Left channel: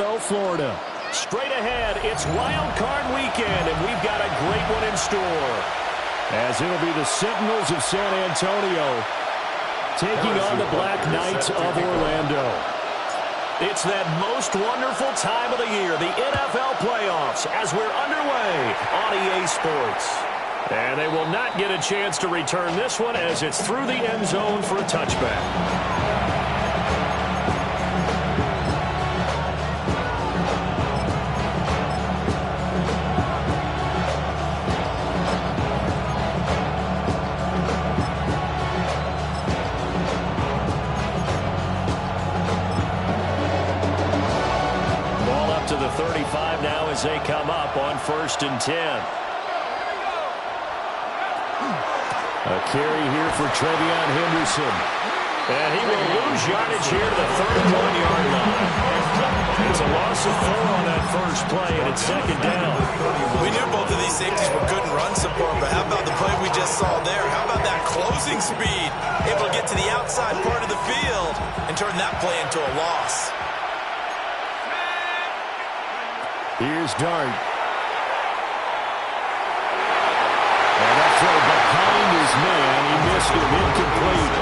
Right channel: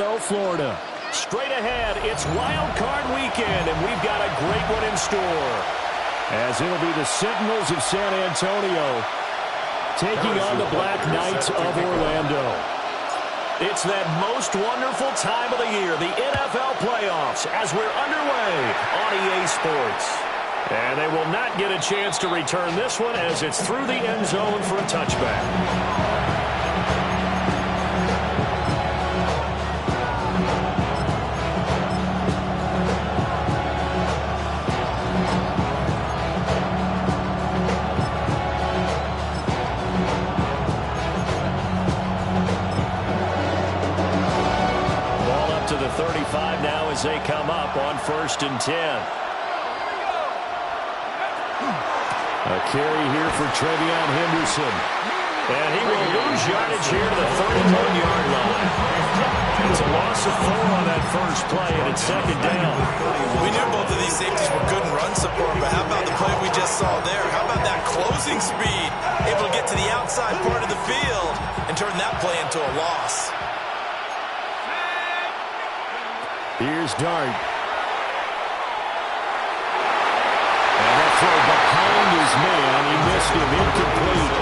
Orlando, Florida. Straight ahead, it's Wild Card Weekend, and we've got a great one in store. As it'll be the Sentinels of San Antonio taking on the Black Knights of Orlando. It's that most wonderful time of the year, the NFL playoffs, as we're underway on EA Sports. And they will not get a chance to return this one as it's through the end zone for a touchback. Ball up to the 35 now as they come up on 1st and 10. A carry here for Trevion Henderson. And he will lose yardage here to the 31-yard line. It's a loss of 4 on that first play, and it's 2nd down. We knew both of these safeties were good in run support, but how about the play we just saw there? How about that closing speed? Able to get to the outside part of the field and turn that play into a loss. Here's Dart. And that throw behind his man. He missed him. Incomplete.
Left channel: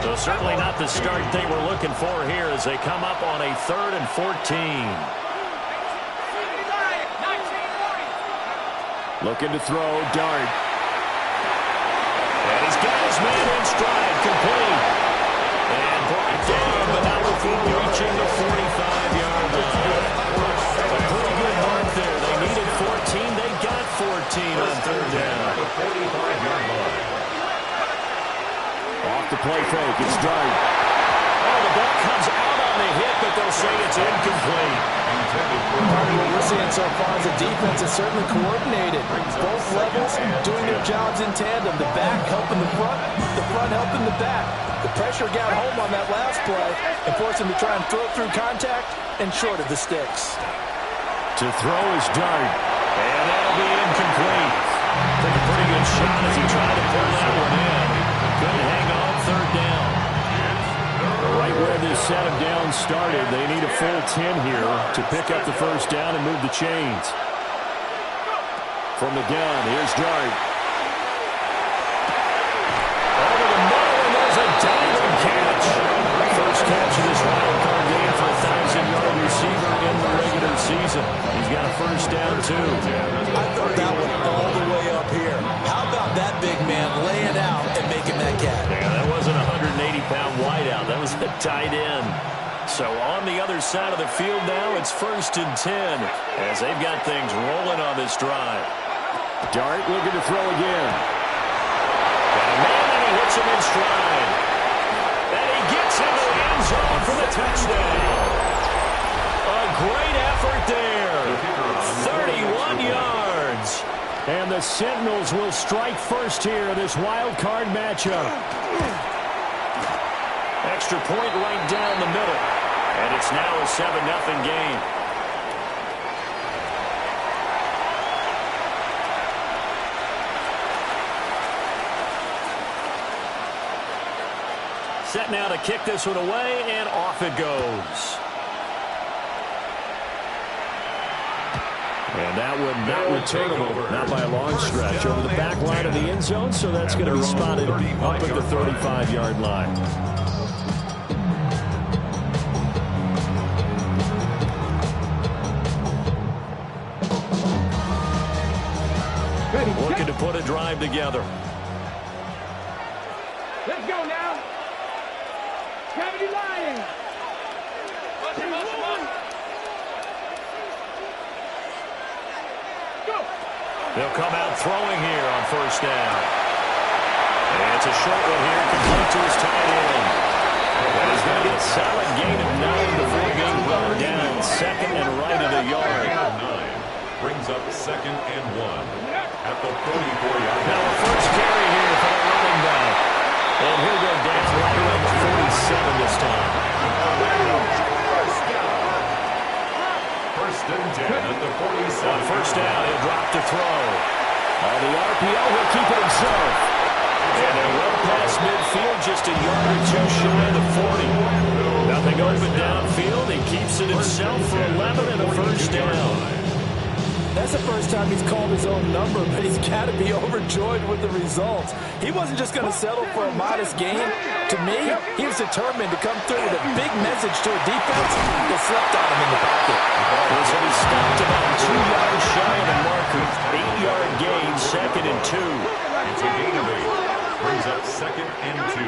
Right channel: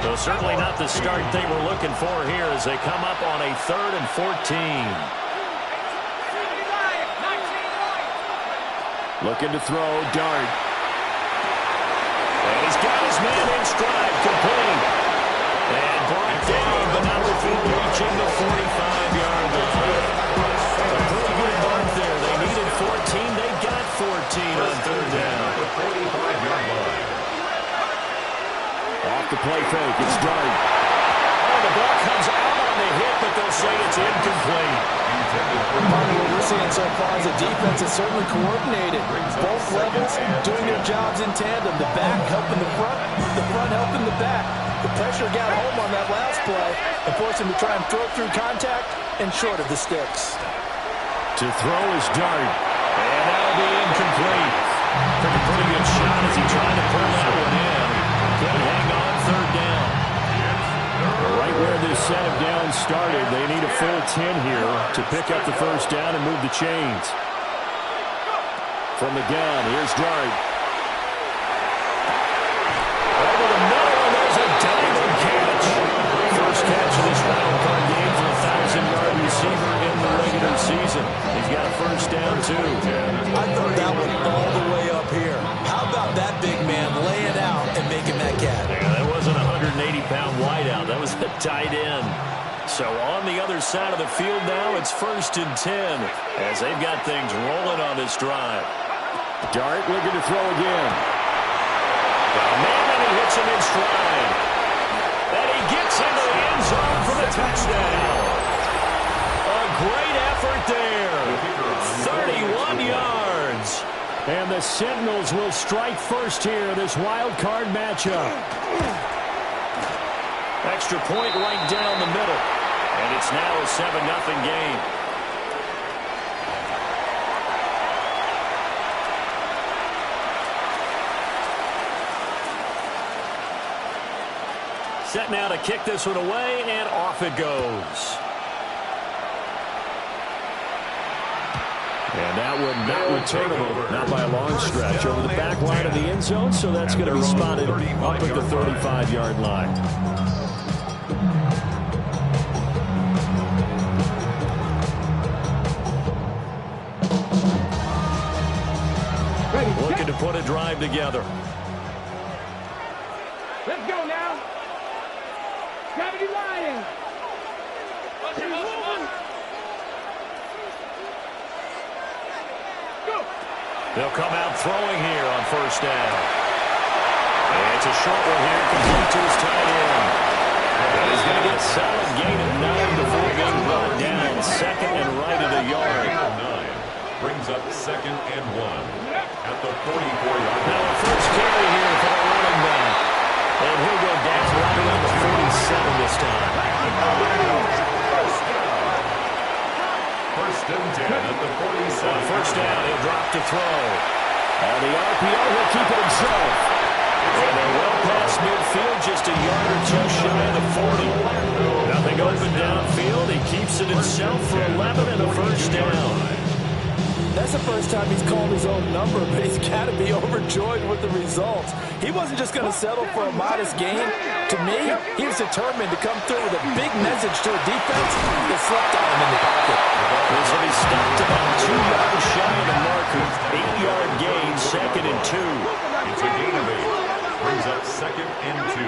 So certainly not the start they were looking for here as they come up on a 3rd and 14. Looking to throw. Dart. And he's got his man in stride. Complete. And brought down, but not before reaching the 45-yard line. A pretty good mark there. They needed 14. They got 14 on 3rd down. Off the play fake. It's Dart. Oh, the ball comes out on the hit, but they'll say it's incomplete. Part of what we're seeing so far is the defense is certainly coordinated. Both levels doing their jobs in tandem. The back helping the front helping the back. The pressure got home on that last play and forced him to try and throw through contact and short of the sticks. To throw is Dart. And that'll be incomplete. Took a pretty good shot as he tried to pull that one in. Couldn't hang on 3rd down. Right where this set of downs started, they need a full 10 here to pick up the 1st down and move the chains. From the gun, here's Dart. Over the middle, and there's a diving catch. First catch of this wild card game for a 1,000-yard receiver in the regular season. He's got a 1st down, too. I thought that one all the way up here. How about that big man laying out and making that catch? Yeah, that wasn't a 180-pound wideout. That was a tight end. So on the other side of the field now, it's 1st and 10 as they've got things rolling on this drive. Dart looking to throw again. Got a man, and he hits him in stride. And he gets into the end zone for the touchdown. A great effort there. 31 yards. And the Sentinels will strike first here in this wild card matchup. Extra point right down the middle. And it's now a 7-0 game. Set now to kick this one away, and off it goes. And that one not returnable, not by a long stretch, over the back line of the end zone, so that's going to be spotted up at the 35-yard line. Looking to put a drive together. Let's go now. Gravity Lions. Go. They'll come out throwing here on 1st down. And it's a short one here, complete to his tight end. And he's going to get a solid gain of 9 before being brought down. 2nd and right of the yard. 9 brings up 2nd and 1 at the 44-yard line. Now a first carry here for the running back. And he'll go down right around the 47 this time. First and 10 at the 47. On 1st down, he'll drop to throw. On the RPO, he'll keep it himself. And they're well past midfield, just a yard or two shy of the 40. Nothing open downfield. He keeps it himself for 11 and a first down. That's the first time he's called his own number, but he's got to be overjoyed with the results. He wasn't just going to settle for a modest gain. To me, he was determined to come through with a big message to a defense that slept on him in the pocket. This will be stopped about 2 yards shy of the marker. 8-yard gain, 2nd and 2. It's a gain of 8. Brings up 2nd and 2.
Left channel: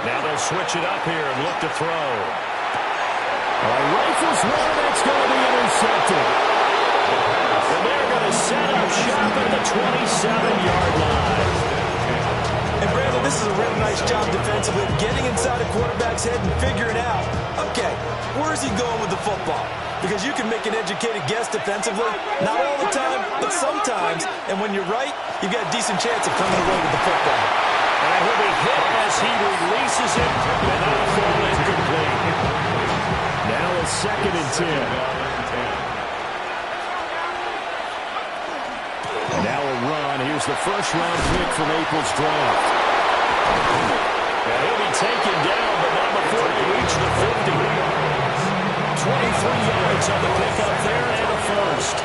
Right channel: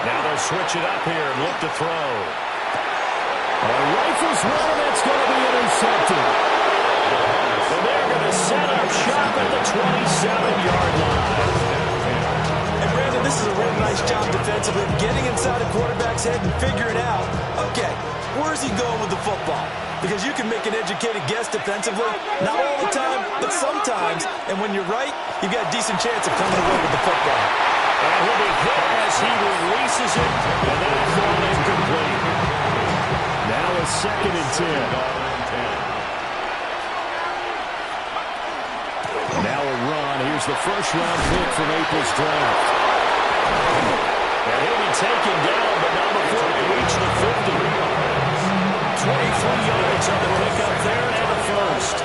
Now they'll switch it up here and look to throw. Rifles one, and that's going to be intercepted. And they're going to set up shop at the 27-yard line. And Brandon, this is a real nice job defensively of getting inside a quarterback's head and figuring out, okay, where's he going with the football? Because you can make an educated guess defensively, not all the time, but sometimes. And when you're right, you've got a decent chance of coming away with the football. And he'll be hit as he releases it, and that'll fall incomplete. Now a 2nd and 10. Now a run. Here's the first-round pick from April's draft. And he'll be taken down, but not before they reach the 50. 23 yards on the pickup there, and a first.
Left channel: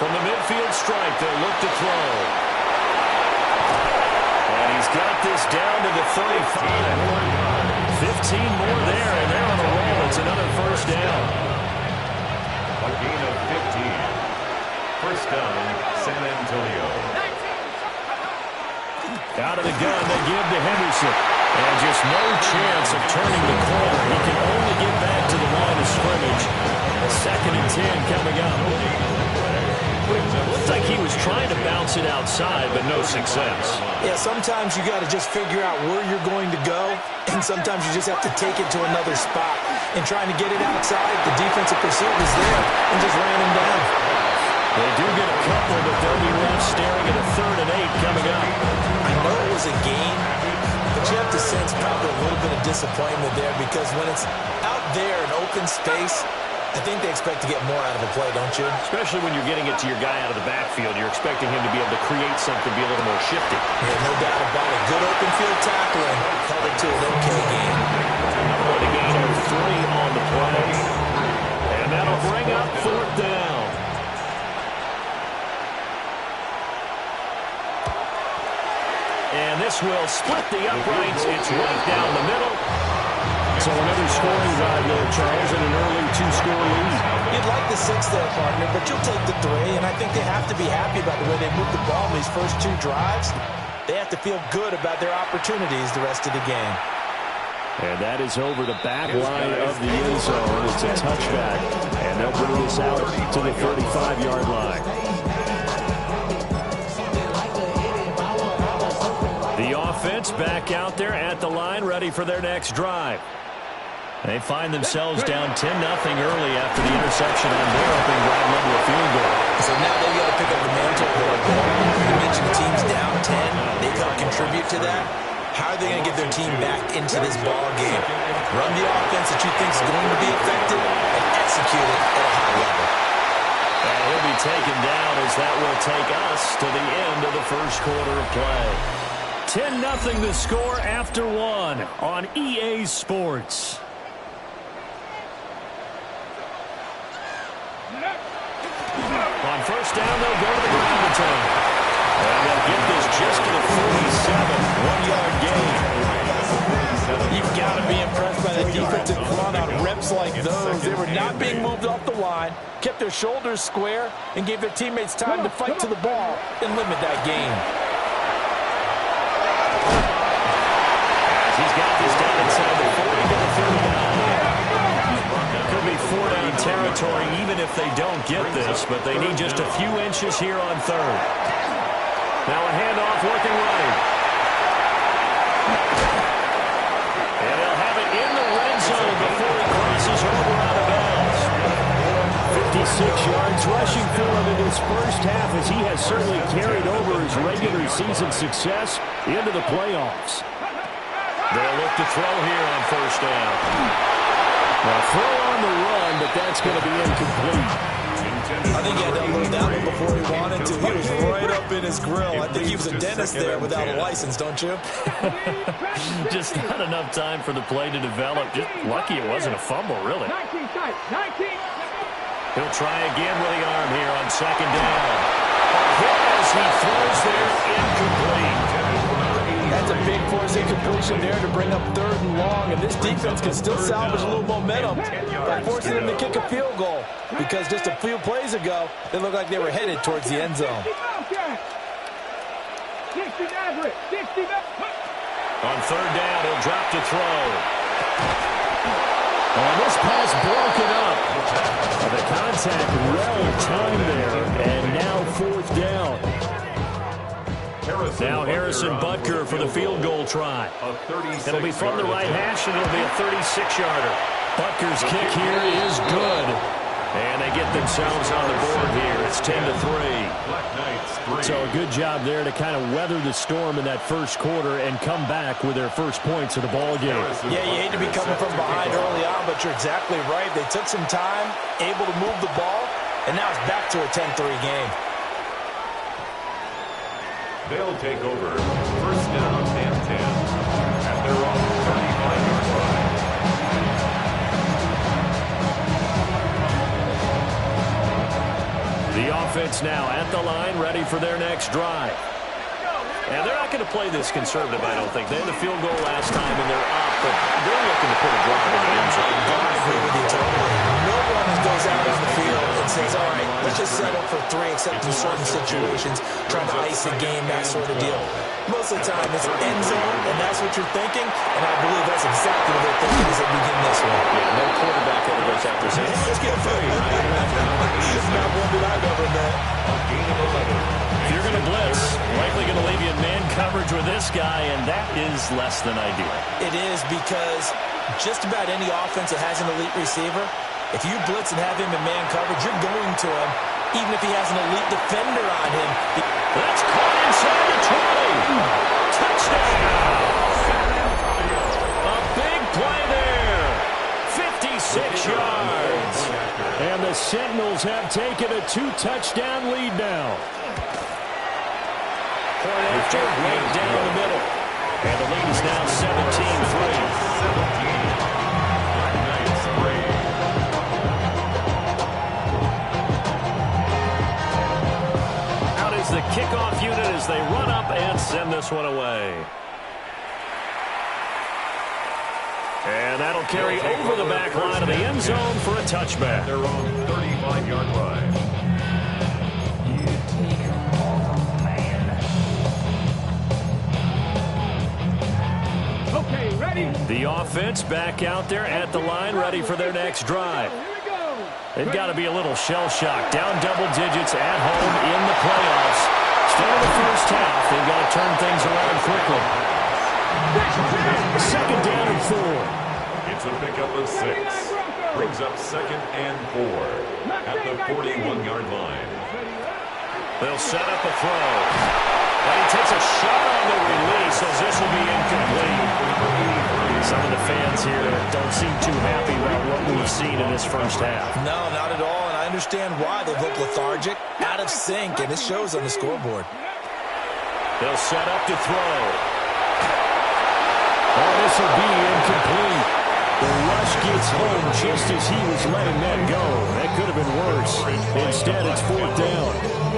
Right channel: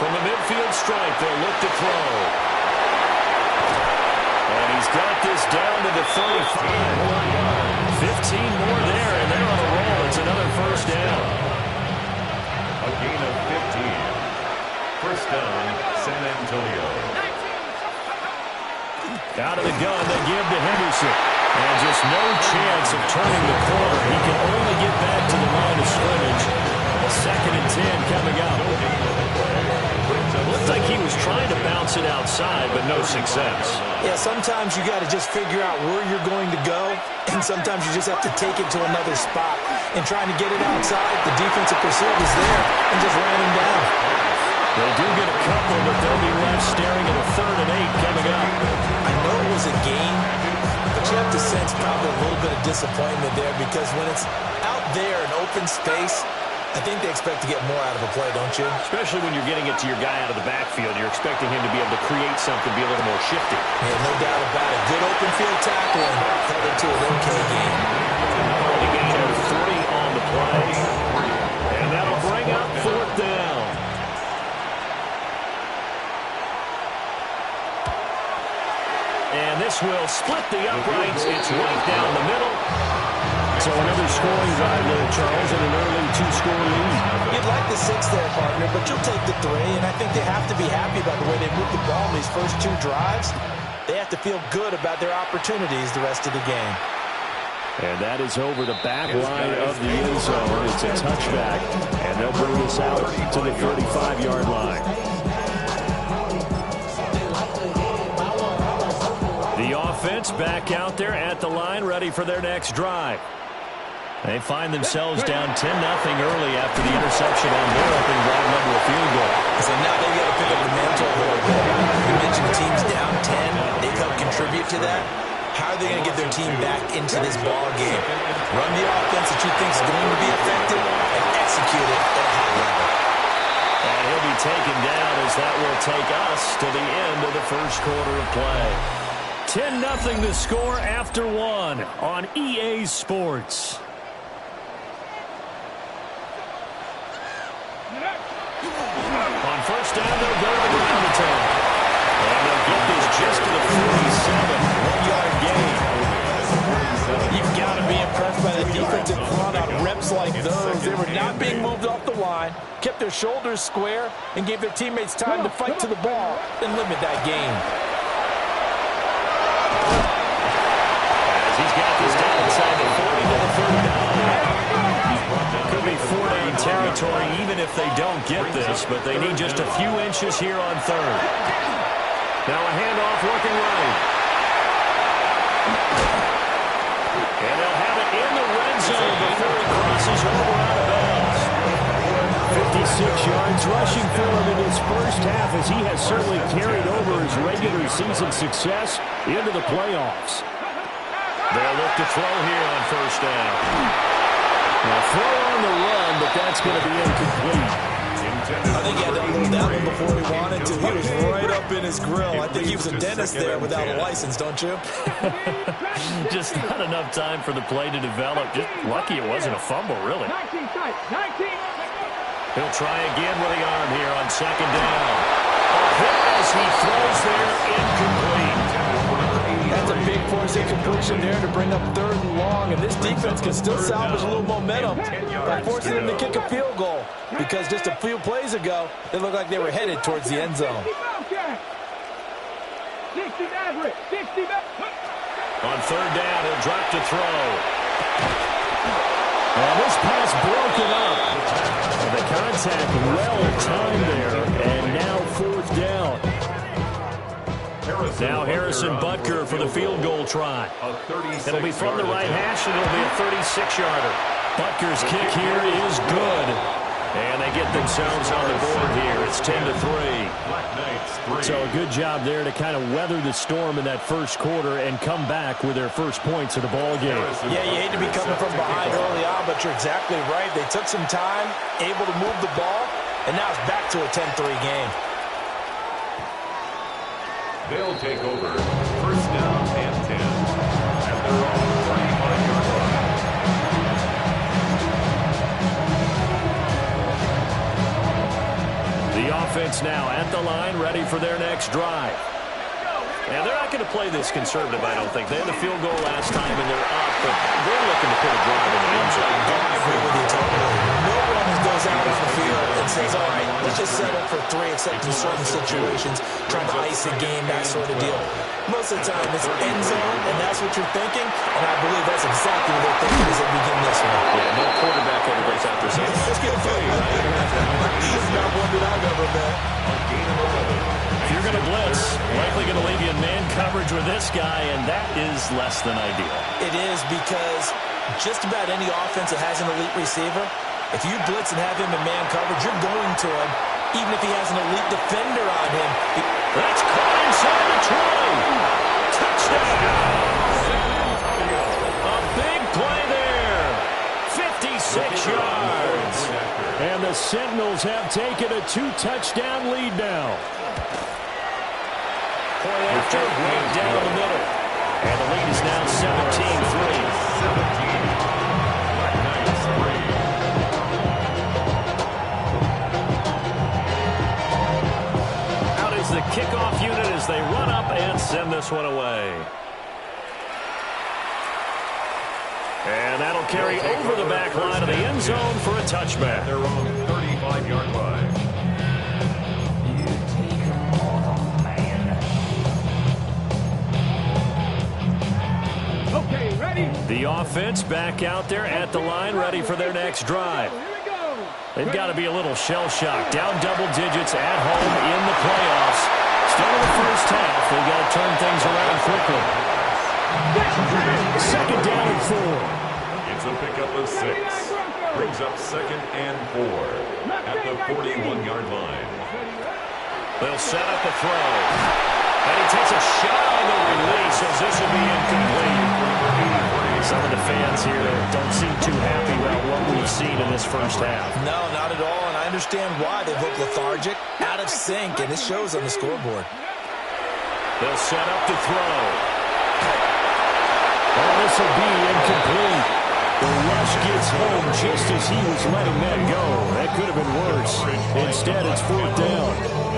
From the midfield stripe, they'll look to throw. And he's got this down to the 35. 15 more there, and they're on a roll. It's another first down. A gain of 15. First down, San Antonio. Out of the gun, they give to Henderson. And just no chance of turning the corner. He can only get back to the line of scrimmage. 2nd and 10 coming up. Looked like he was trying to bounce it outside, but no success. Yeah, sometimes you got to just figure out where you're going to go, and sometimes you just have to take it to another spot. And trying to get it outside, the defensive pursuit was there and just ran him down. They do get a couple, but they'll be left staring at a 3rd and 8 coming up. I know it was a gain, but you have to sense probably a little bit of disappointment there because when it's out there in open space, I think they expect to get more out of a play, don't you? Especially when you're getting it to your guy out of the backfield. You're expecting him to be able to create something, be a little more shifty. Yeah, no doubt about it. Good open field tackling held it to an okay game. A gain of 3 on the play. And that'll bring up 4th down. And this will split the uprights. It's right down the middle. So another scoring drive there, Charles, and an early 2-score lead. You'd like the 6 there, partner, but you'll take the 3, and I think they have to be happy about the way they moved the ball in these first 2 drives. They have to feel good about their opportunities the rest of the game. And that is over the back line of the end zone. It's a touchback, and they'll bring this out to the 35-yard line. The offense back out there at the line, ready for their next drive. They find themselves down 10-0 early after the interception on their opening drive led to a field goal. So now they've got to pick up the mantle a little bit. You mentioned the team's down 10. They've helped contribute to that. How are they going to get their team back into this ball game? Run the offense that you think is going to be effective and execute it at a high level. And he'll be taken down as that will take us to the end of the first quarter of play. 10-0 the score after 1 on EA Sports. On first down, they'll go to the ground attack. And they'll get this just to the 47, 1-yard gain. You've got to be impressed by the defensive front on reps like those. They were not being moved off the line, kept their shoulders square, and gave their teammates time to fight to the ball and limit that gain. As he's got this down inside the 40 to the 39. Could be 4-down territory even if they don't get this, but they need just a few inches here on 3rd. Now a handoff looking right. And they'll have it in the red zone before he crosses over out of bounds. 56 yards rushing for him in his first half as he has certainly carried over his regular season success into the playoffs. They'll look to throw here on first down. Now throw on the run, but that's going to be incomplete. I think he had to unload that one before he wanted to. He was right up in his grill. I think he was a dentist there without a license, don't you? Just not enough time for the play to develop. Just lucky it wasn't a fumble, really. 19 tight, 19. He'll try again with the arm here on second down. A hit as he throws there, incomplete. That's a big force incompletion there to bring up 3rd and long, and this defense can still salvage a little momentum by forcing them to kick a field goal, because just a few plays ago, it looked like they were headed towards the end zone. 60 Maverick, 60 Maverick. On 3rd down, he'll drop to throw. And this pass broken up. The contact well timed there, and now 4th down. Now Harrison Butker for the field goal try. It'll be from the right hash, and it'll be a 36-yarder. Butker's kick here is good. And they get themselves on the board here. It's 10-3. So a good job there to kind of weather the storm in that first quarter and come back with their first points of the ball game. Yeah, you hate to be coming from behind early on, but you're exactly right. They took some time, able to move the ball, and now it's back to a 10-3 game. They'll take over 1st down and 10 at their own 35-yard line. The offense now at the line, ready for their next drive. Now, they're not going to play this conservative, I don't think. They had the field goal last time, and they're up, but they're looking to put a drive in the end zone. I agree with you totally. No one goes out on the field and says, all right, let's just settle for 3, except in certain situations, trying to ice a game, that sort of deal. Most of the time, it's end zone, and that's what you're thinking, and I believe that's exactly what they're thinking as they begin this one. Yeah, no quarterback ever goes out there saying, let's get 3, right? Not one that I've ever met. A gain of 11. If you're going to blitz, likely going to leave you in man coverage with this guy, and that is less than ideal. It is, because just about any offense that has an elite receiver, if you blitz and have him in man coverage, you're going to him, even if he has an elite defender on him. That's caught inside the 20. Touchdown! A big play there. 56 yards. And the Sentinels have taken a 2-touchdown lead now. Point after, right down the middle. And the lead is now 17-3. 17. Black Knights 3. Out is the kickoff unit as they run up and send this one away. And that'll carry over the back line of the end zone for a touchback. Their own 35-yard line. Okay, ready? The offense back out there at the line, ready for their next drive. Here we go. They've got to be a little shell-shocked. Down double digits at home in the playoffs. Still in the first half. They've got to turn things around quickly. 2nd down and 4. It's a pickup of 6. Brings up 2nd and 4 at the 41-yard line. They'll set up a throw. And he takes a shot on the release as this will be incomplete. Some of the fans here don't seem too happy about what we've seen in this first half. No, not at all, and I understand why. They've looked lethargic, out of sync, and it shows on the scoreboard. They'll set up to throw. Oh, this will be incomplete. The rush gets home just as he was letting that go. That could have been worse. Instead, it's 4th down.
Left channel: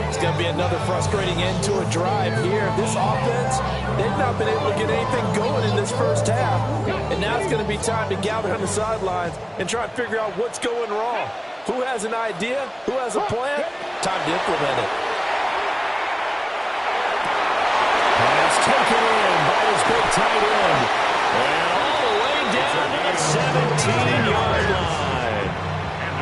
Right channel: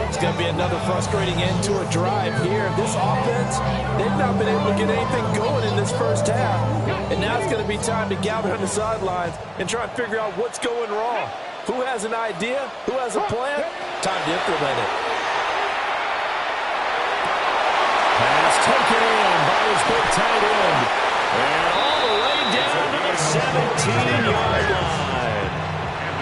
It's going to be another frustrating end to a drive here. This offense, they've not been able to get anything going in this first half. And now it's going to be time to gather on the sidelines and try and figure out what's going wrong. Who has an idea? Who has a plan? Time to implement it. Pass taken in by his big tight end. And all the way down to the 17-yard line.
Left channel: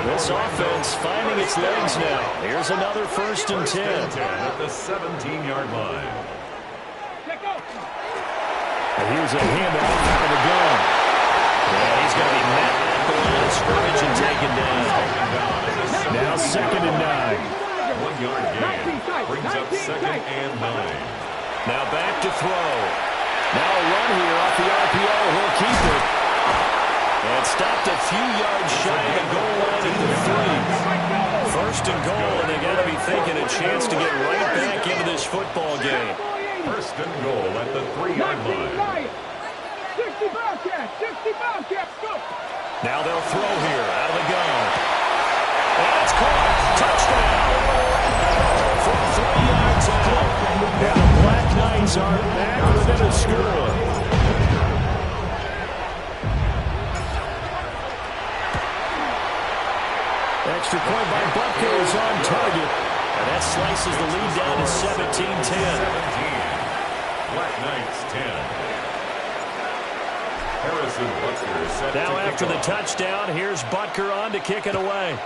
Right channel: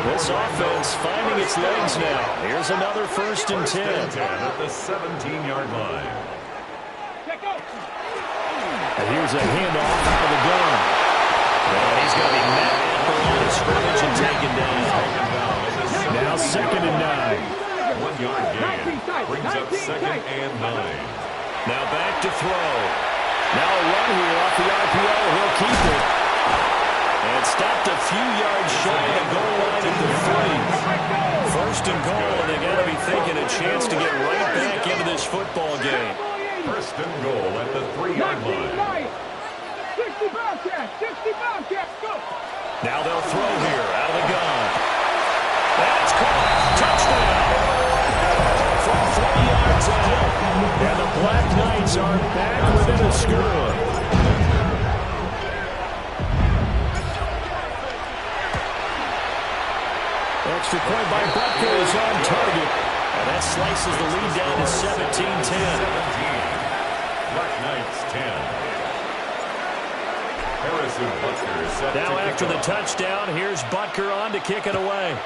This offense finding its legs now. Here's another 1st and 10. At the 17-yard line. And here's a handoff out of the gun. And he's going to be met at the line of scrimmage and taken down. Now 2nd and 9. 1-yard gain. Brings up 2nd and 9. Now back to throw. Now a run here off the RPO. He'll keep it. And stopped a few yards shy of the goal line at the 3. First and goal, and they got to be thinking a chance to get right back into this football game. First and goal at the 3-yard line. 60 Bobcats, 60 Bobcats, go! Now they'll throw here out of the gun. And it's caught. Touchdown. From 3 yards out. And the Black Knights are back within a score. Extra point by Butker is on target. And that slices the lead down to 17-10. 17. Black Knights 10. Harrison Butker set now to after kick the off. touchdown, here's Butker on to kick it away.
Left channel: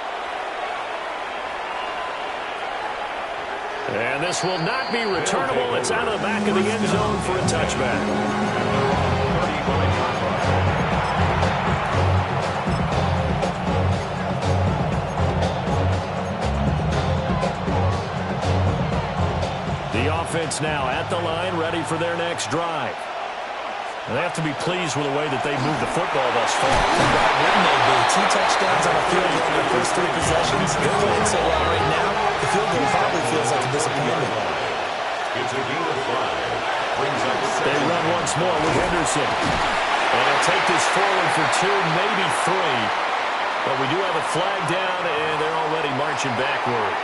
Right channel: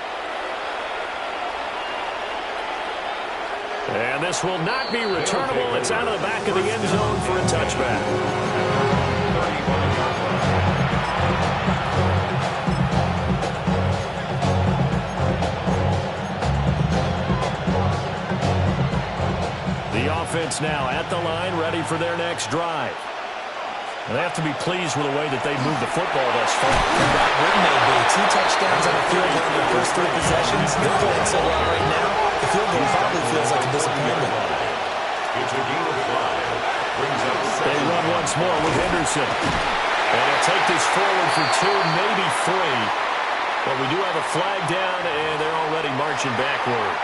And this will not be returnable. It's out of the back of the end zone for a touchback. And they're on 35-yard line. The offense now at the line, ready for their next drive. And they have to be pleased with the way that they moved the football thus far. That wouldn't they be? 2 touchdowns on a field goal in their first 3 possessions. They're playing so well right now, the field goal probably feels like a disappointment. It's a gain of 5. Brings up 7. They run once more with Henderson. And he'll take this forward for 2, maybe 3. But we do have a flag down, and they're already marching backward.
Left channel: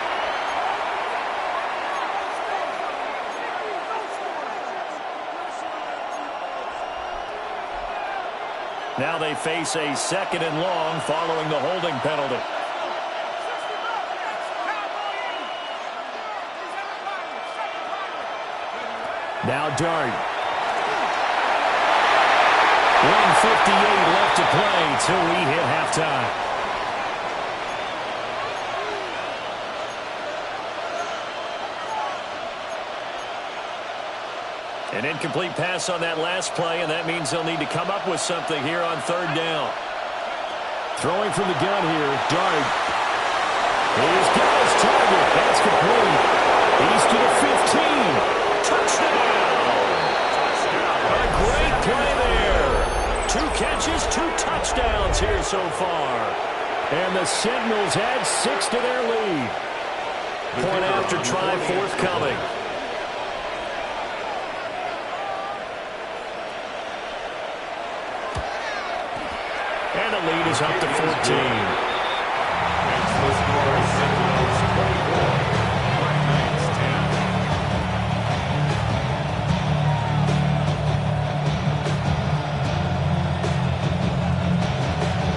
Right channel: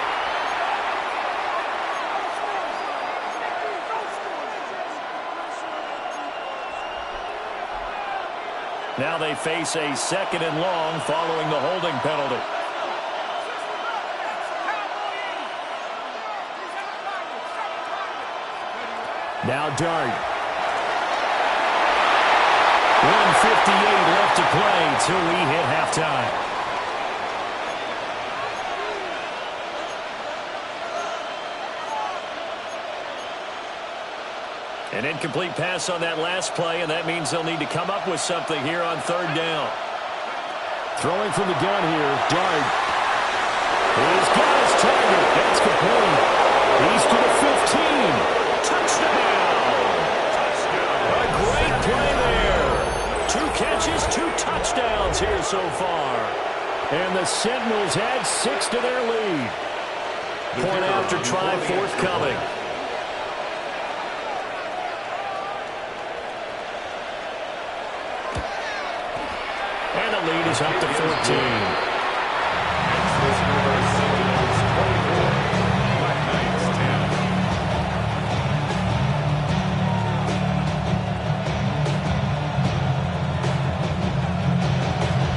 Now they face a 2nd and long following the holding penalty. Now Dart. 1:58 left to play till we hit halftime. An incomplete pass on that last play, and that means they'll need to come up with something here on 3rd down. Throwing from the gun here, Dart. He's got his target. That's complete. He's to the 15. Touchdown! Touchdown. A great play there. 2 catches, 2 touchdowns here so far. And the Sentinels add 6 to their lead. Point after try forthcoming. And the lead is up to 14. Next the score is Sentinels 24. Black Knights 10.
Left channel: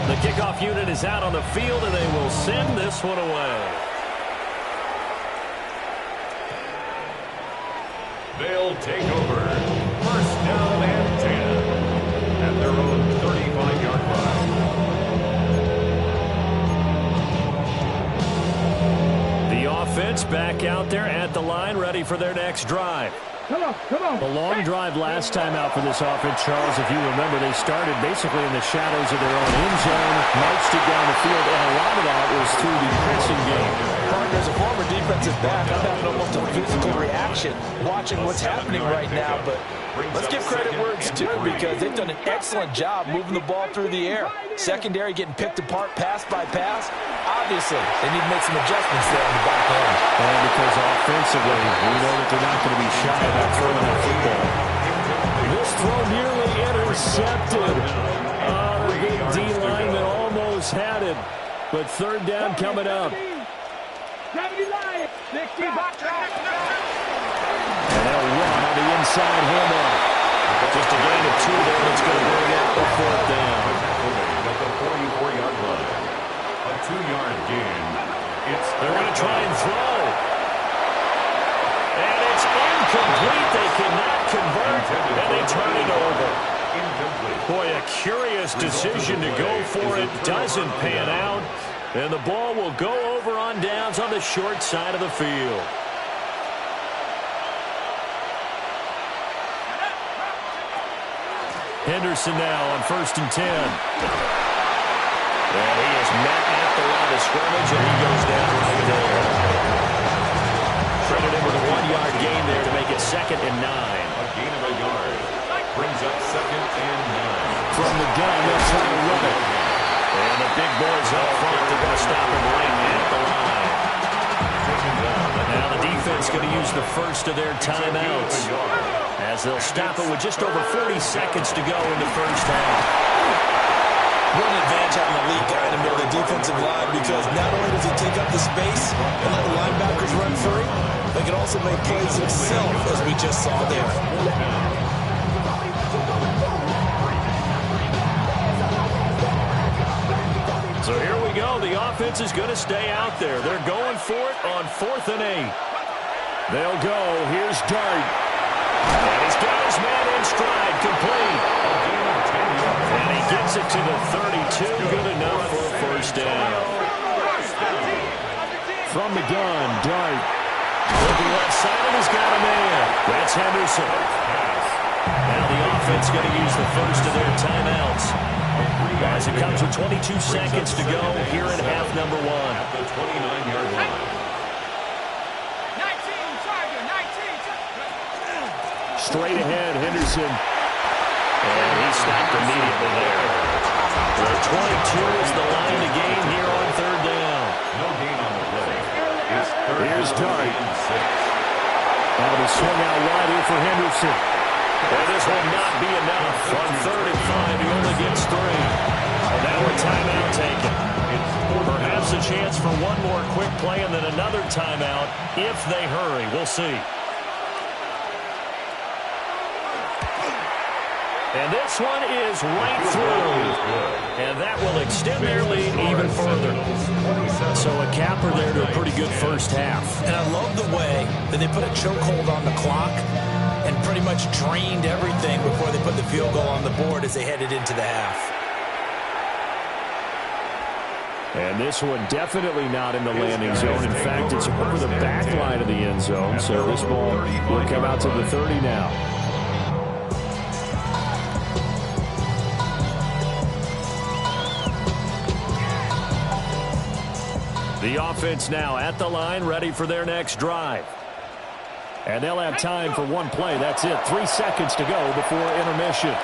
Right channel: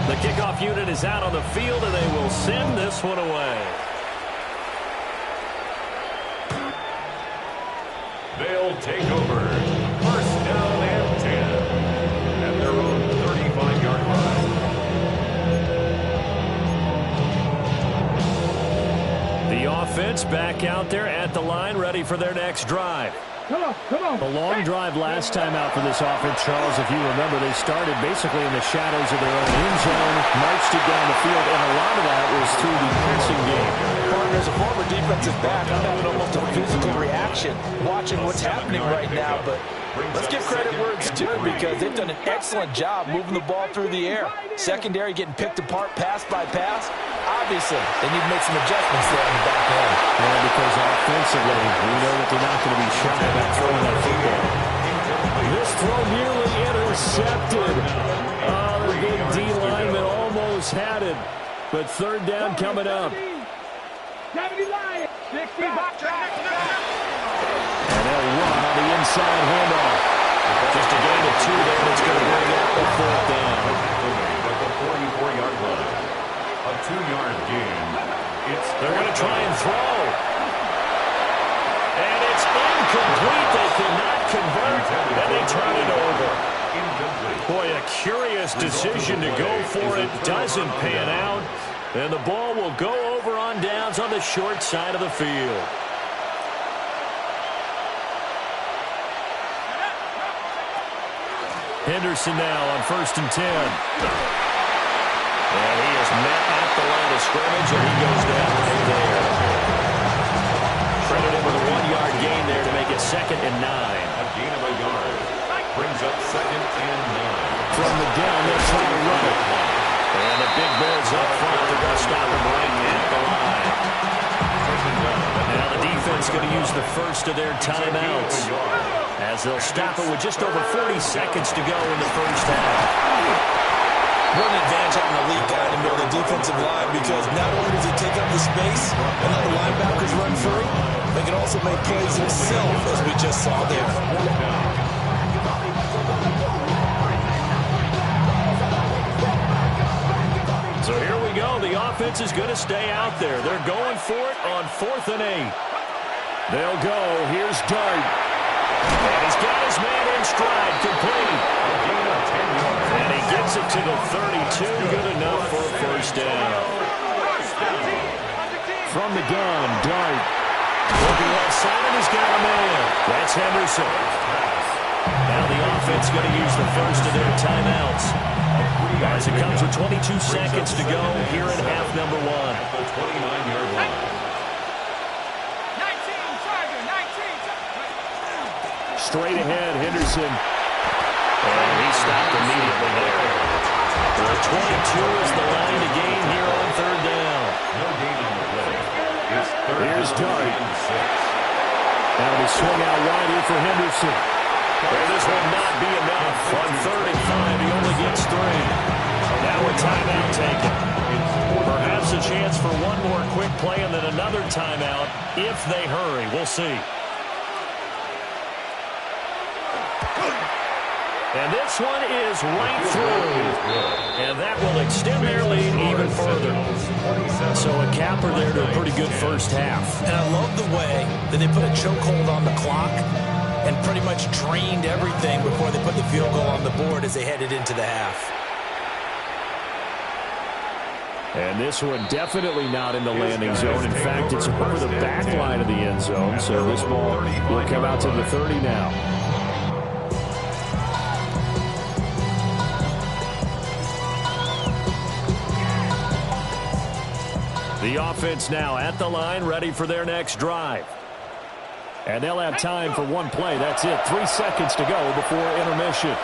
The kickoff unit is out on the field, and they will send this one away. They'll take over. First down and 10. At their own 35-yard line. The offense back out there at the line, ready for their next drive. Come on, come on. A long drive last time out for this offense, Charles. If you remember, they started basically in the shadows of their own end zone, marched it down the field, and a lot of that was through the passing game. Partner, as a former defensive back, I'm having almost a physical reaction watching what's happening right now, but let's give credit where it's due because they've done an excellent job moving the ball through the air. Secondary getting picked apart pass by pass. Obviously, they need to make some adjustments there on the back end. And because offensively, we know that they're not going to be shy about throwing that football. This throw nearly intercepted. Oh, the big D lineman almost had it. But 3rd down coming up. 70 Lions, 60 Bobcats. And they'll run on the inside handoff. Just a gain of 2 there that's going to bring up the 4th down. At the 44-yard line. A 2-yard gain. They're going to try and throw. And it's incomplete. They cannot convert, and they turn it over. Incomplete. Boy, a curious decision to go for it. Doesn't pan out. And the ball will go over on downs on the short side of the field. Henderson now on 1st and 10. And he is met at the line of scrimmage, and he goes down right there. Credit him with a 1-yard gain there to make it 2nd and 9. A gain of a yard. brings up 2nd and 9. From the gun, they'll try to run it. And the big boys up front, they're going to stop him right at the line. Now the defense going to use the first of their timeouts, as they'll stop it with just over 40 seconds to go in the first half. What an advantage having a lead guy in the middle of the defensive line, because not only does he take up the space and let the linebackers run free, but he can also make plays himself, as we just saw there. So here we go. The offense is going to stay out there. They're going for it on 4th and 8. They'll go. Here's Dart. And he's got his man in stride, complete. A gain of 10 yards. And he gets it to the 32. Good enough for a first down. From the gun, Dart. Looking left side, and he's got a man. That's Henderson. Now the offense going to use the first of their timeouts, as it comes with 22 seconds to go here in half number 1. At the 29-yard line. 19. Straight ahead, Henderson. And he stopped immediately there. The 22 is the line to gain here on 3rd down. No gain on the play. It's 3rd Here's down Dart. and 6. That'll be swung out wide here for Henderson. And this will not be enough. On 3rd and 5, he only gets 3. Now a timeout taken. Perhaps a chance for one more quick play and then another timeout if they hurry. We'll see. And this one is right through. And that will extend their lead even further. So a capper there to a pretty good first half. And I love the way that they put a chokehold on the clock and pretty much drained everything before they put the field goal on the board as they headed into the half. And this one definitely not in the landing zone. In fact, it's over the back line of the end zone. So this ball will come out to the 30 now. The offense now at the line, ready for their next drive. And they'll have time for one play. That's it. 3 seconds to go before intermission.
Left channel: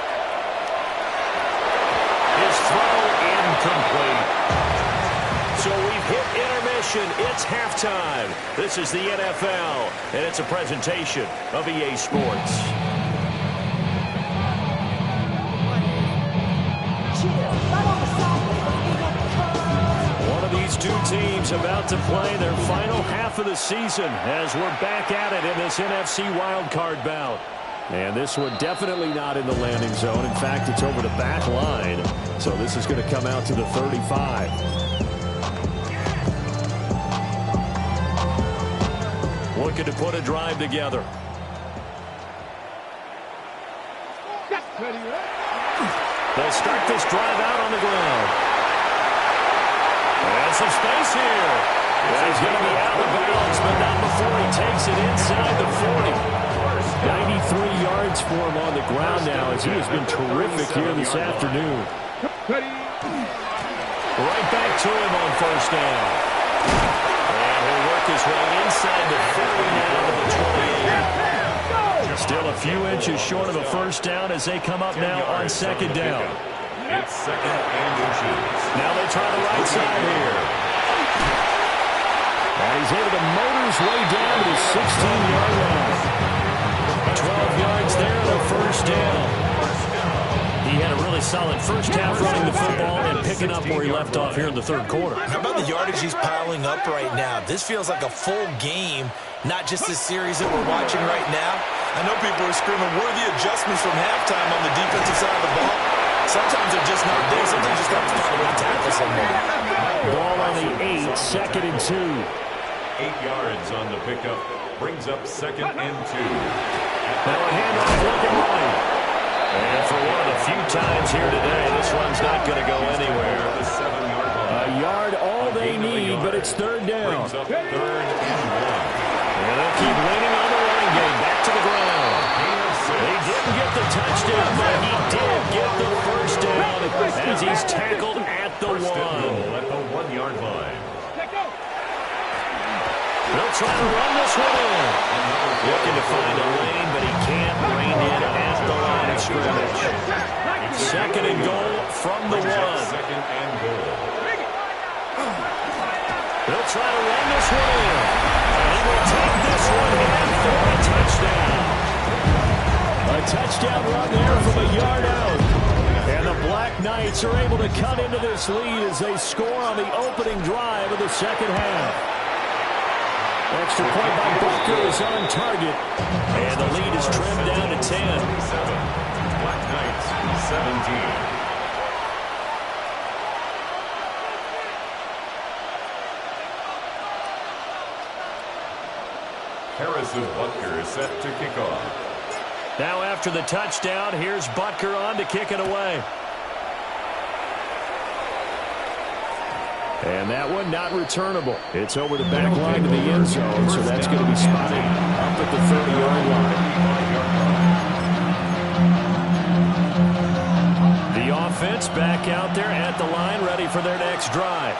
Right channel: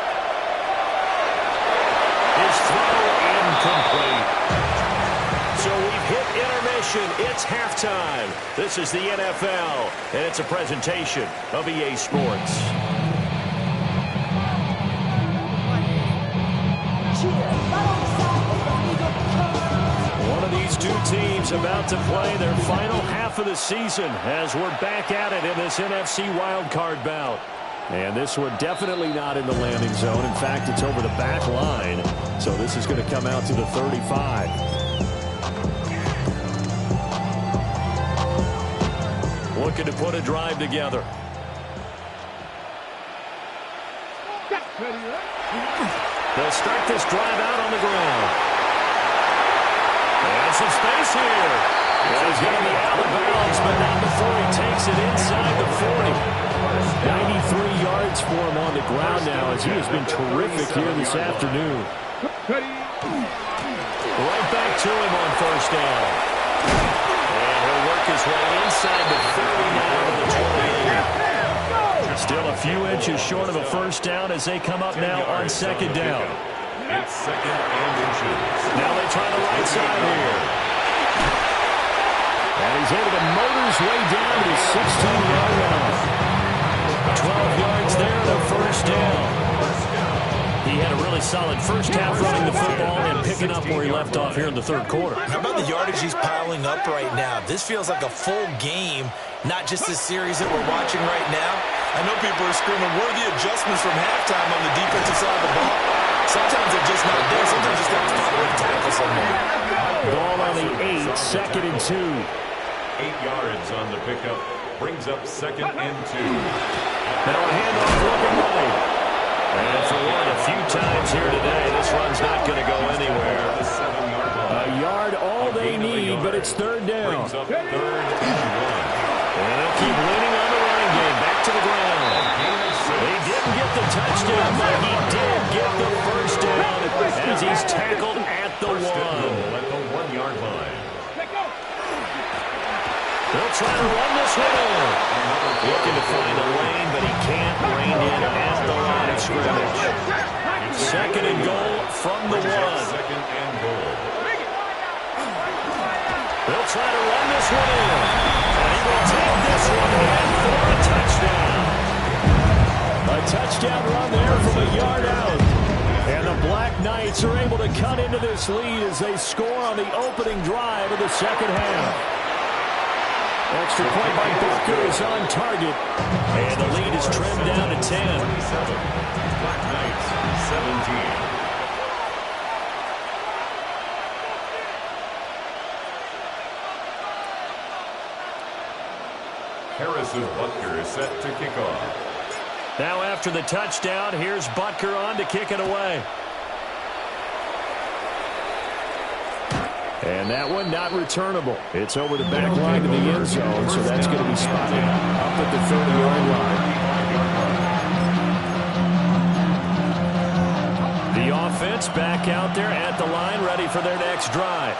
His throw incomplete. So we've hit intermission. It's halftime. This is the NFL, and it's a presentation of EA Sports. One of these two teams about to play their final half of the season as we're back at it in this NFC wildcard bout. And this one definitely not in the landing zone. In fact, it's over the back line. So this is going to come out to the 35. Looking to put a drive together. They'll start this drive out on the ground. And some space here. Yeah, he's going to be out of bounds, but not before he takes it inside the 40. 93 yards for him on the ground now, as he has been terrific here this afternoon. Right back to him on first down. And he'll work his way inside the 30 now to the 28. Still a few inches short of a first down as they come up now on second down. It's 2nd and inches. Now they try the right side here. And he's able to motor his way down to the 16-yard line. 12 yards there and a first down. He had a really solid first half running the football and picking up where he left off here in the third quarter. How about the yardage he's piling up right now? This feels like a full game, not just this series that we're watching right now. I know people are screaming worthy adjustments from halftime on the defensive side of the ball. Sometimes they're just not there. Sometimes you just have to find a way to tackle someone. Ball on the 8, 2nd and 2. 8 yards on the pickup. Brings up 2nd and 2. Now a handoff looking right. And for one of the few times here today, this run's not going to go anywhere. The 7-yard line. A yard all they need, but it's third down. Brings up 3rd and 1. And they'll keep leaning on the running game. Back to the ground. He didn't get the touchdown, but he did get the first down as he's tackled at the 1. At the 1-yard line. They'll try to run this one in. Looking to find a lane, but he can't rein in at the line of scrimmage. Second and goal from the one. Second and goal. They'll try to run this one in. And he will take this one in for a touchdown. A touchdown run there from a yard out. And the Black Knights are able to cut into this lead as they score on the opening drive of the second half. Extra point by Butker is on target. And the lead is trimmed down to 10. 27. Black Knights, 17. Harrison Butker is set to kick off. Now after the touchdown, here's Butker on to kick it away. And that one not returnable. It's over the back line to the end zone, so that's going to be spotted up at the 30-yard line. The offense back out there at the line, ready for their next drive.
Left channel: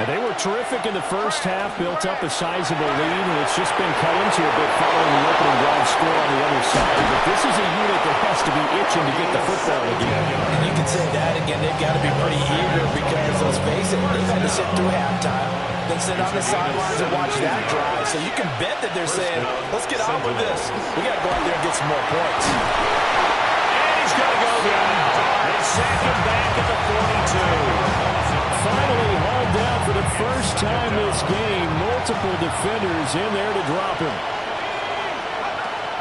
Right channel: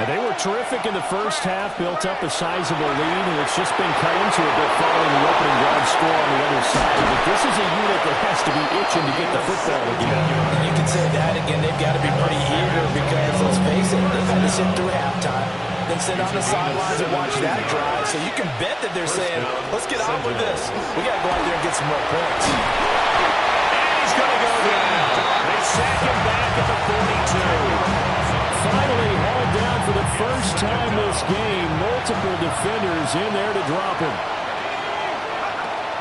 And they were terrific in the first half, built up a sizable lead, and it's just been cut into a bit following the opening drive score on the other side. But this is a unit that has to be itching to get the football again. And you can say that again. They've got to be pretty eager because, let's face it, they've had to sit through halftime, then sit on the sidelines and watch that drive. So you can bet that they're saying, let's get on with this. We got to go out there and get some more points. And he's going to go down. They sack him back at the 42. Finally hauled down for the first time this game. Multiple defenders in there to drop him.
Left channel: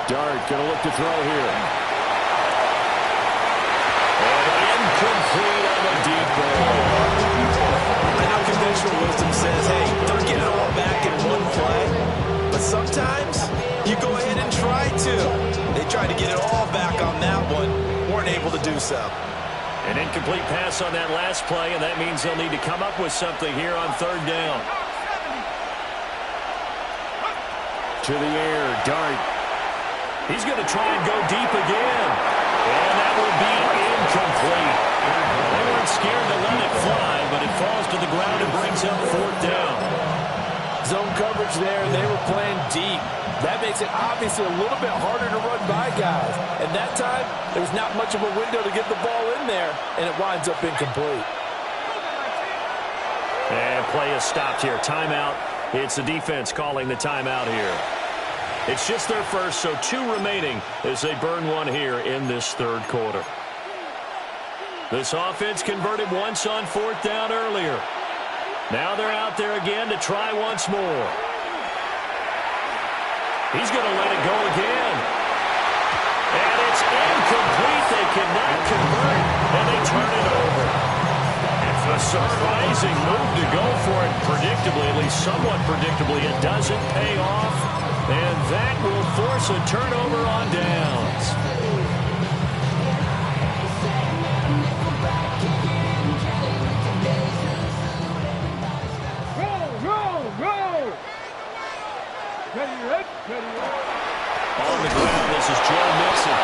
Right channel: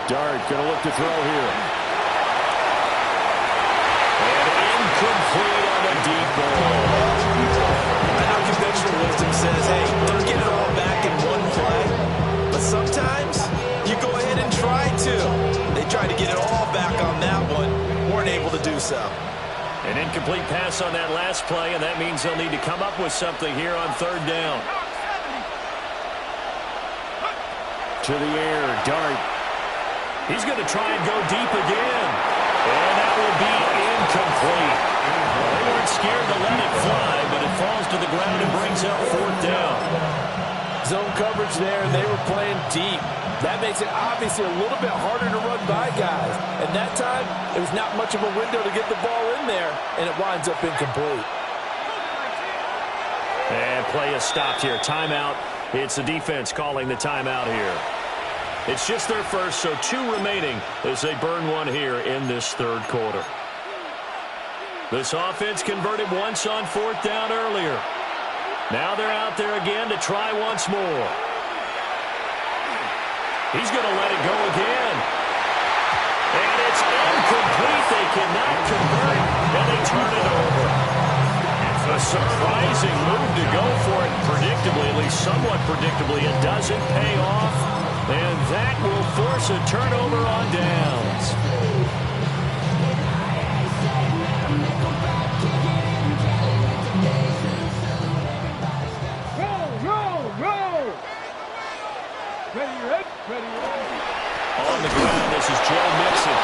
Dart going to look to throw here. And incomplete on the deep ball. I know conventional wisdom says, hey, don't get it all back in one play. But sometimes you go ahead and try to. They tried to get it all back on that one. Weren't able to do so. An incomplete pass on that last play, and that means they'll need to come up with something here on third down. To the air, Dart. He's going to try and go deep again. And that will be incomplete. They weren't scared to let it fly, but it falls to the ground and brings up fourth down. Zone coverage there, and they were playing deep. That makes it obviously a little bit harder to run by guys. And that time, there was not much of a window to get the ball in there, and it winds up incomplete. And play is stopped here. Timeout. It's the defense calling the timeout here. It's just their first, so 2 remaining as they burn one here in this third quarter. This offense converted once on fourth down earlier. Now they're out there again to try once more. He's going to let it go again. And it's incomplete. They cannot convert, and they turn it over. It's a surprising move to go for it predictably, at least somewhat predictably. It doesn't pay off, and that will force a turnover on downs. Roll! Ready. On the ground, this is Joe Mixon.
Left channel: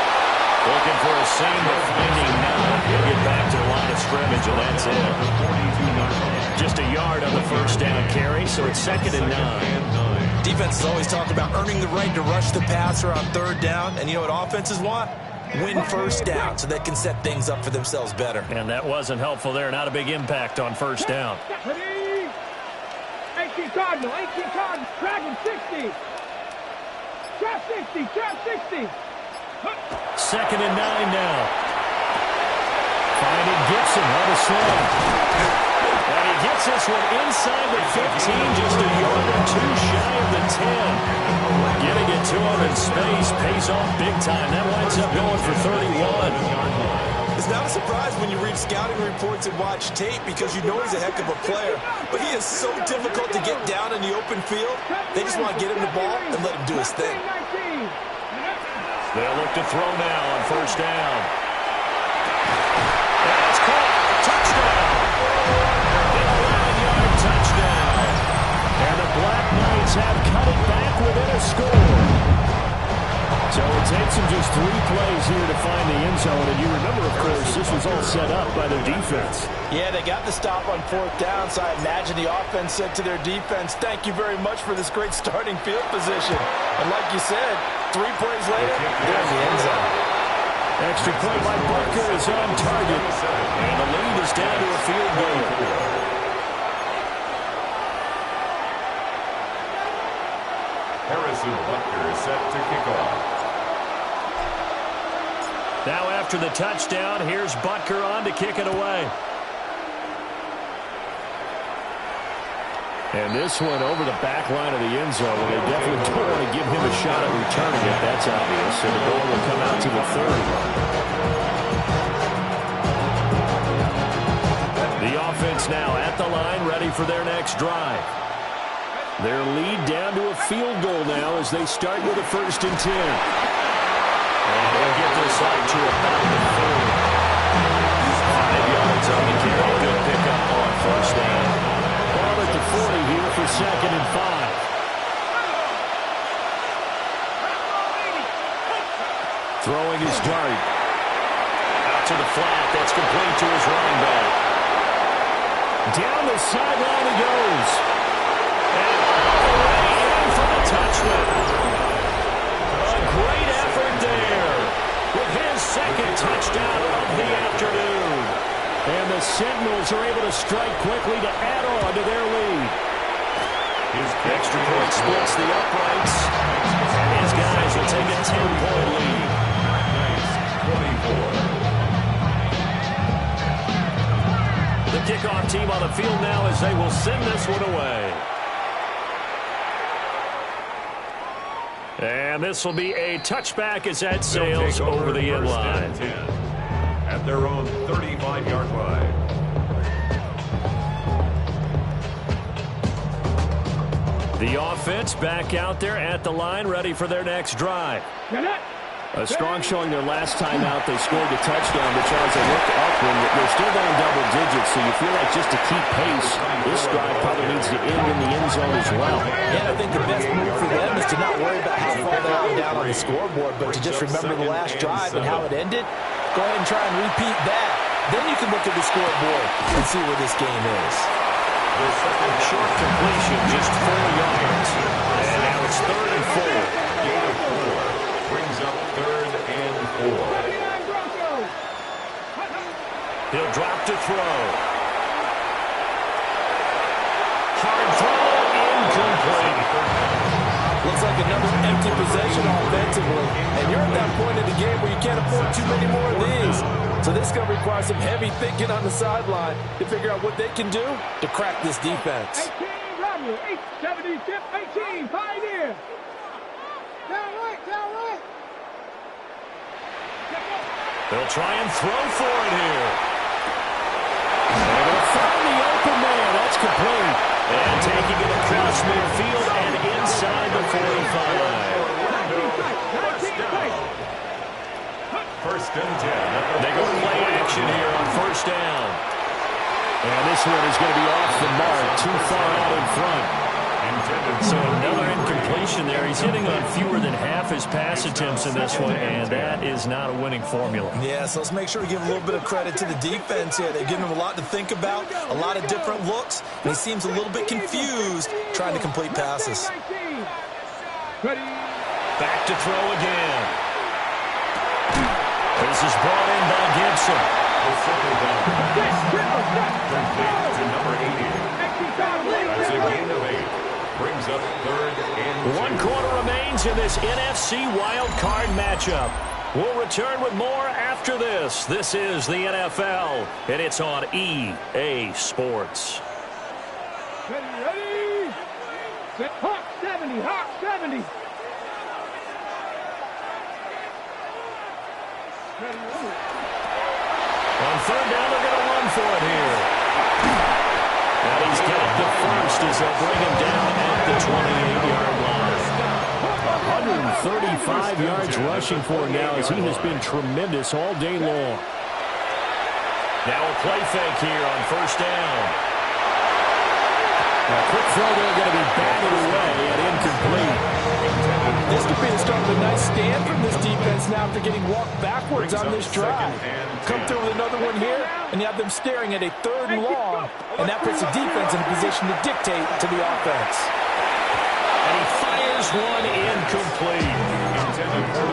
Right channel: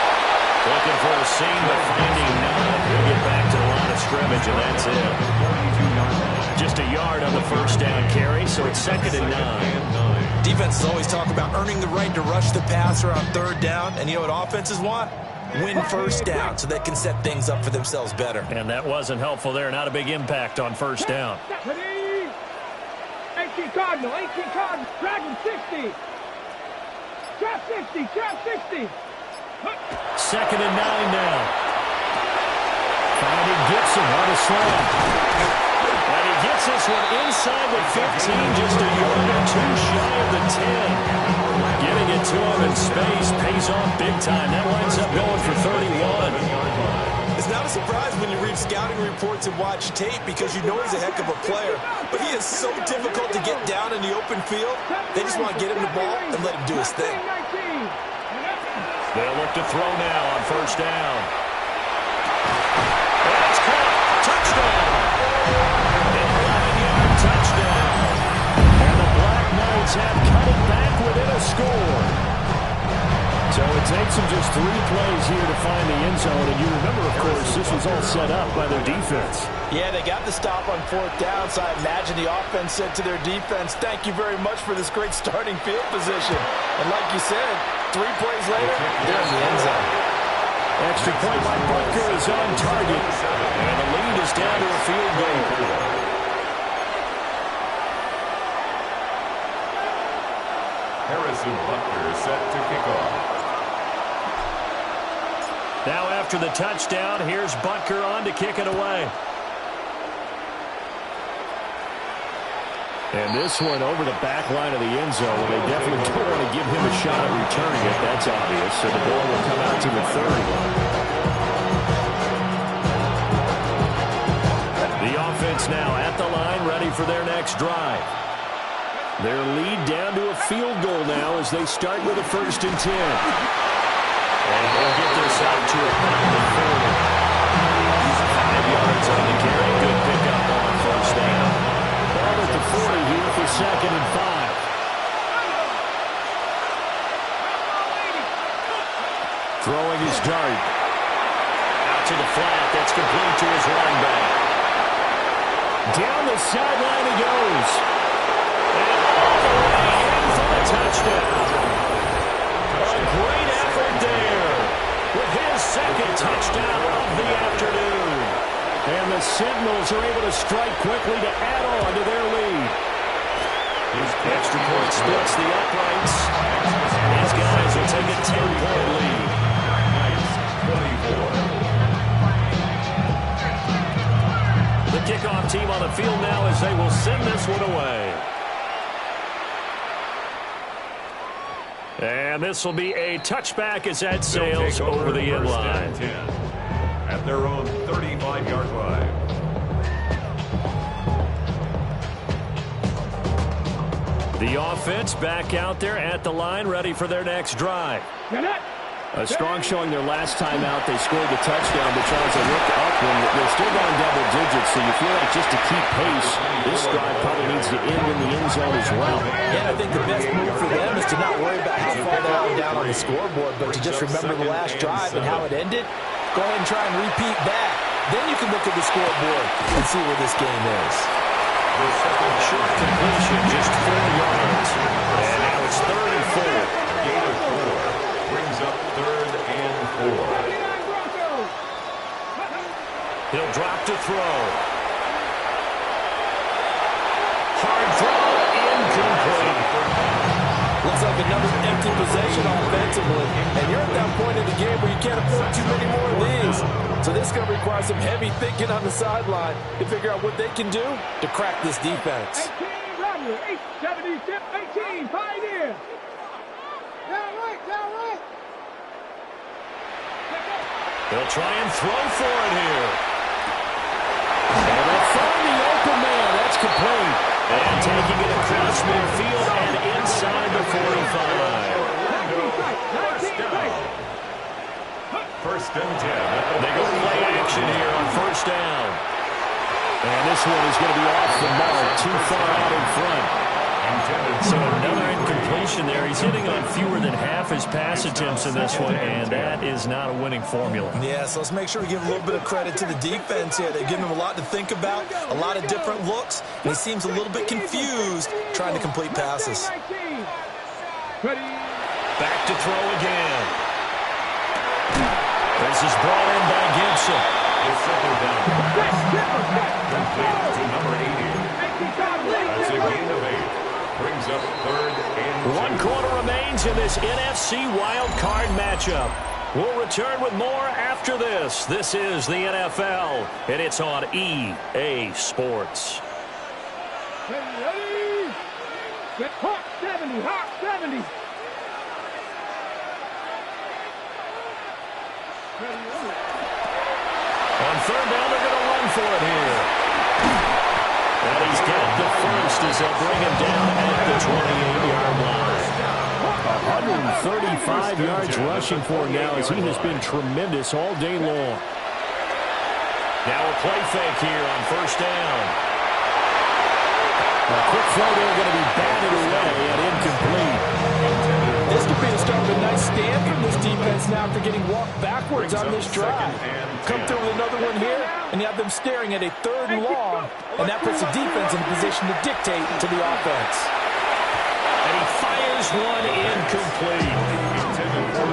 Looking for a seam, but finding none. He'll get back to the line of scrimmage, and that's it. Just a yard on the first down carry, so it's second and 9. Defenses always talk about earning the right to rush the passer on third down, and you know what offenses want? Win first down so they can set things up for themselves better. And that wasn't helpful there. Not a big impact on first down. Ready? 18 Cardinal, Dragon 60. Trap 60. Second and 9 now. Finding Gibson on a slant. And he gets this one inside the 15, just a yard or 2 shy of the 10. Getting it to him in space pays off big time. That winds up going for 31. It's not a surprise when you read scouting reports and watch tape because you know he's a heck of a player. But he is so difficult to get down in the open field. They just want to get him the ball and let him do his thing. They'll look to throw now on first down. And it's caught. Touchdown. An 11-yard touchdown. And the Black Knights have cut it back within a score. So it takes them just 3 plays here to find the end zone. And you remember, of course, this was all set up by their defense. Yeah, they got the stop on 4th down, so I imagine the offense said to their defense, thank you very much for this great starting field position. And like you said, 3 plays later, they're in the end zone. Extra point by Butker is on target. And the lead is down to a field goal. Harrison Butker set to kick off. Now after the touchdown, here's Butker on to kick it away. And this one over the back line of the end zone. They definitely don't want to give him a shot at returning it. That's obvious. So the ball will come out to the 30. The offense now at the line, ready for their next drive. Their lead down to a field goal now as they start with a 1st and 10. And they'll get this out to about the 40. 5 yards on the carry. Good pickup on 1st down. Ball at the 40 here for 2nd and 5. Throwing his dart. Out to the flat. That's complete to his running back. Down the sideline he goes. And all the way in for the touchdown. A great effort there with his 2nd touchdown of the afternoon. And the Sentinels are able to strike quickly to add on to their lead. His extra point splits the uprights. And his guys will take a 10-point lead. 24. The kickoff team on the field now as they will send this one away. And this will be a touchback as that sails over the end line. At their own 35-yard line. The offense back out there at the line, ready for their next drive. A strong showing their last time out. They scored the touchdown, but Charles, they looked up and they're still down double digits, so you feel like just to keep pace, this drive probably needs to end in the end zone as well. Yeah, I think the best move for them is to not worry about how far they are down on the scoreboard, but to just remember the last drive and how it ended. Go ahead and try and repeat that. Then you can look at the scoreboard and see where this game is. Short completion, just 4 yards. And now it's 3rd and 4. Gain of 4 brings up 3rd and 4. He'll drop to throw. Hard throw, incomplete. Looks like another empty possession offensively. And you're at that point in the game where you can't afford too many more of these. So this is going to require some heavy thinking on the sideline to figure out what they can do to crack this defense. 18, Rattler, 870, tip, 18, Pioneer. Down right, down right. They'll try and throw for it here. And they'll find the open man. That's complete. And taking it across midfield and inside the 45. First and 10. They go play action here on 1st down. And this one is going to be off the mark, too far out in front. So another incompletion there. He's hitting on fewer than half his pass attempts in this one, and that is not a winning formula. Yeah, so let's make sure we give a little bit of credit to the defense here. They've given him a lot to think about, a lot of different looks, and he seems a little bit confused trying to complete passes. Back to throw again. This is brought in by Gibson. The 2nd down pass complete to number 80. That's a gain of 8. Brings up 3rd and 2. 1 quarter remains in this NFC wild card matchup. We'll return with more after this. This is the NFL, and it's on EA Sports. Ready? Set. Hawk 70, Hawk 70. On 3rd down, they're going to run for it here. And he's got the first as they'll bring him down at the 28-yard line. 135 yards rushing for him now as he has been tremendous all day long. Now a play fake here on 1st down. A quick throw there going to be batted away and incomplete. This could be the start of a nice stand from this defense now after getting walked backwards on this drive. Come through with another one here, and you have them staring at a 3rd and long, and that puts the defense in a position to dictate to the offense. And he fires one incomplete.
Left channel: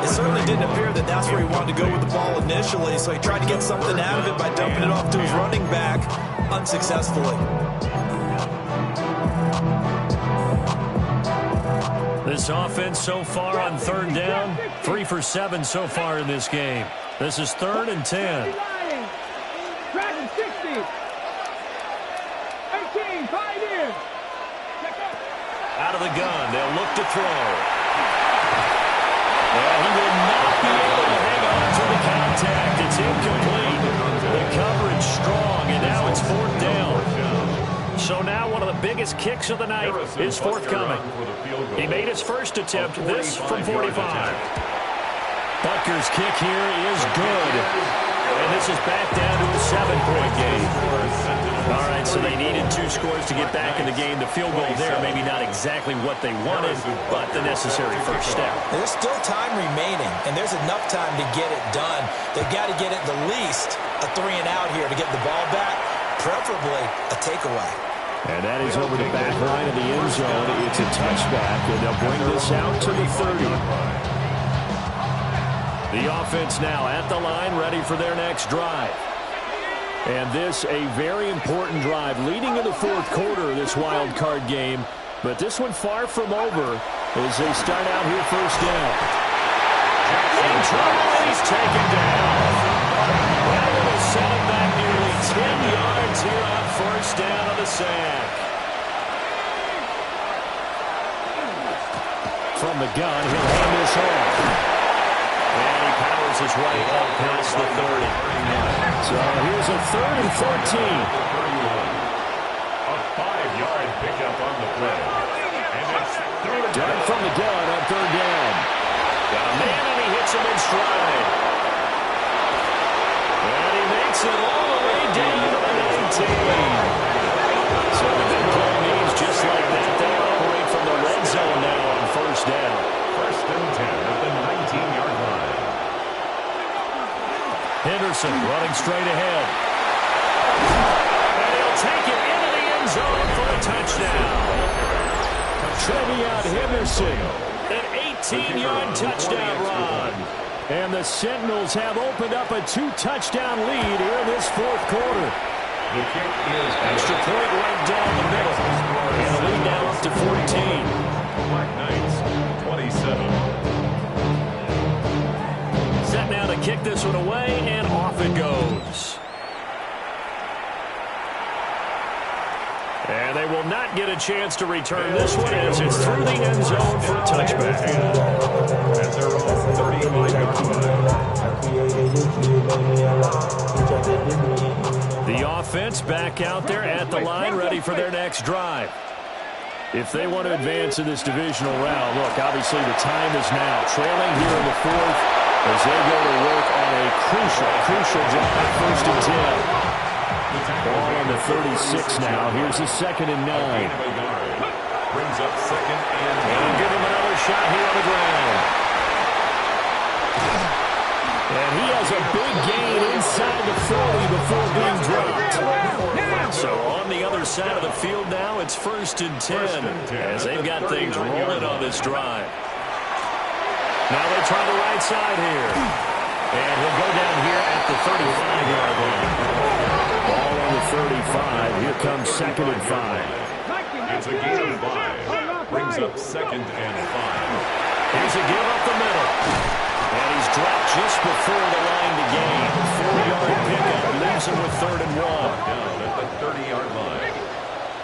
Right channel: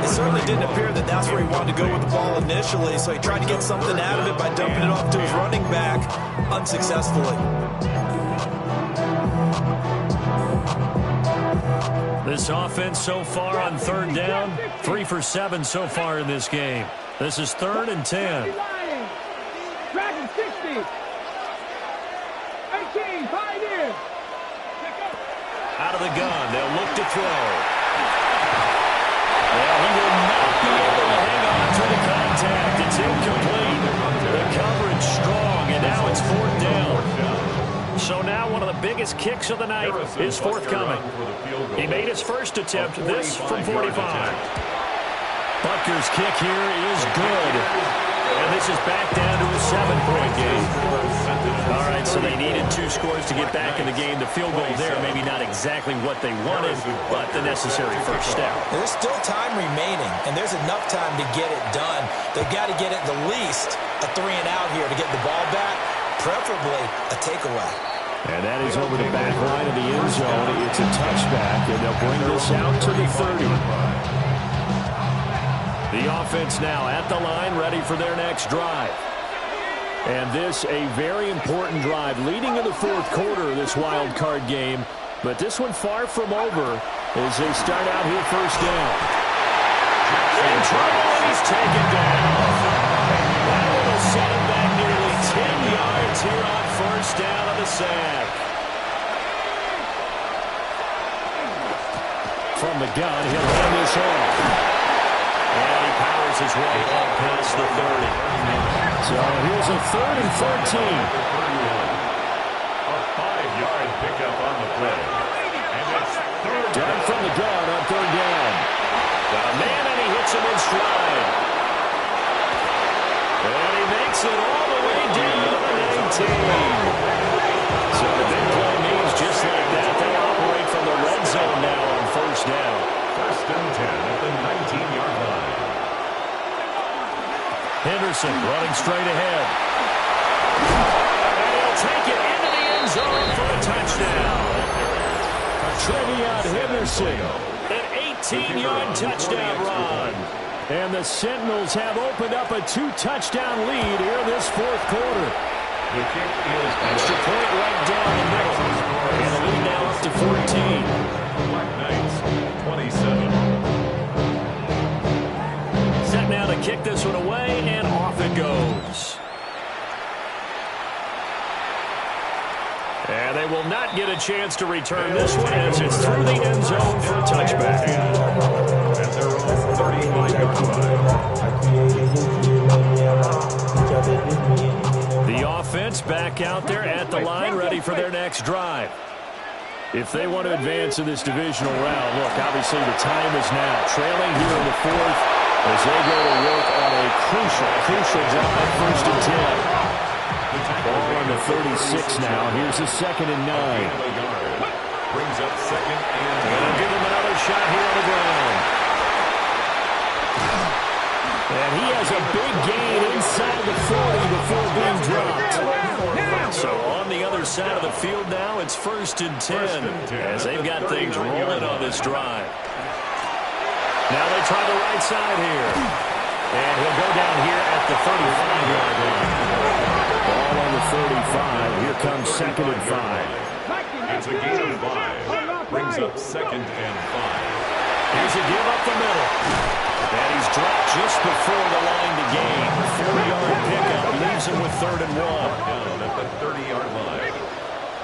It certainly didn't appear that that's where he wanted to go with the ball initially, so he tried to get something out of it by dumping it off to his running back unsuccessfully. This offense so far on 3rd down, 3 for 7 so far in this game. This is 3rd and 10. Dragon 60. 18, Pioneer. Out of the gun, they'll look to throw. Well, he will not be able to hang on to the contact. It's incomplete. The coverage strong, and now it's 4th down. So now one of the biggest kicks of the night is forthcoming. He made his first attempt, this from 45. Butker's kick here is good. And this is back down to a 7-point game. All right, so they needed 2 scores to get back in the game. The field goal there, maybe not exactly what they wanted, but the necessary first step. There's still time remaining, and there's enough time to get it done. They've got to get it the least a 3-and-out here to get the ball back, preferably a takeaway. And that is over the back line of the end zone. It's a touchback, and they'll bring this out to the 30. The offense now at the line, ready for their next drive. And this a very important drive leading in the 4th quarter of this wild card game. But this one far from over as they start out here 1st down. In trouble, and he's taken down. That one will set him back nearly 10 yards here on 1st down of the sack. From the gun, he'll hand this off. And he powers his way up past the 30. So here's a 3rd and 14. A 5-yard pickup on the play. And it's 3rd Done from the gun on 3rd down. Got a man, and he hits him in stride. And he makes it all the way down to the 19. So the big play means just like that, they'll operate from the red zone now on 1st down. 1st and 10 at the 19-yard line. Henderson running straight ahead. And he'll take it into the end zone for a touchdown. Trevion Henderson, an 18-yard touchdown run. And the Sentinels have opened up a 2-touchdown lead here in this 4th quarter. The kick is extra point right down the middle. And the lead now up to 14. Black Knights, 27. Set now to kick this one away, and off it goes. And they will not get a chance to return this one as it's through the end zone for a touchback. At their own 35-yard line. The offense back out there at the line, ready for their next drive. If they want to advance in this divisional round, look, obviously the time is now. Trailing here in the 4th as they go to work on a crucial drive, 1st and 10. Ball on the 36 now. Here's a 2nd and 9. Brings up 2nd and 9. And give him another shot here on the ground. And he has a big gain inside the 40 before being dropped. So on the other side of the field now, it's 1st and 10 as they've got things rolling on this drive. Now they try the right side here. And he'll go down here at the 35-yard line. Ball on the 35. Here comes 2nd and 5. It's a gain of 5. Brings up 2nd and 5. Here's a give up the middle. And he's dropped just before the line to gain. 4-yard pickup leaves him with 3rd and 1. Down at the 30-yard line.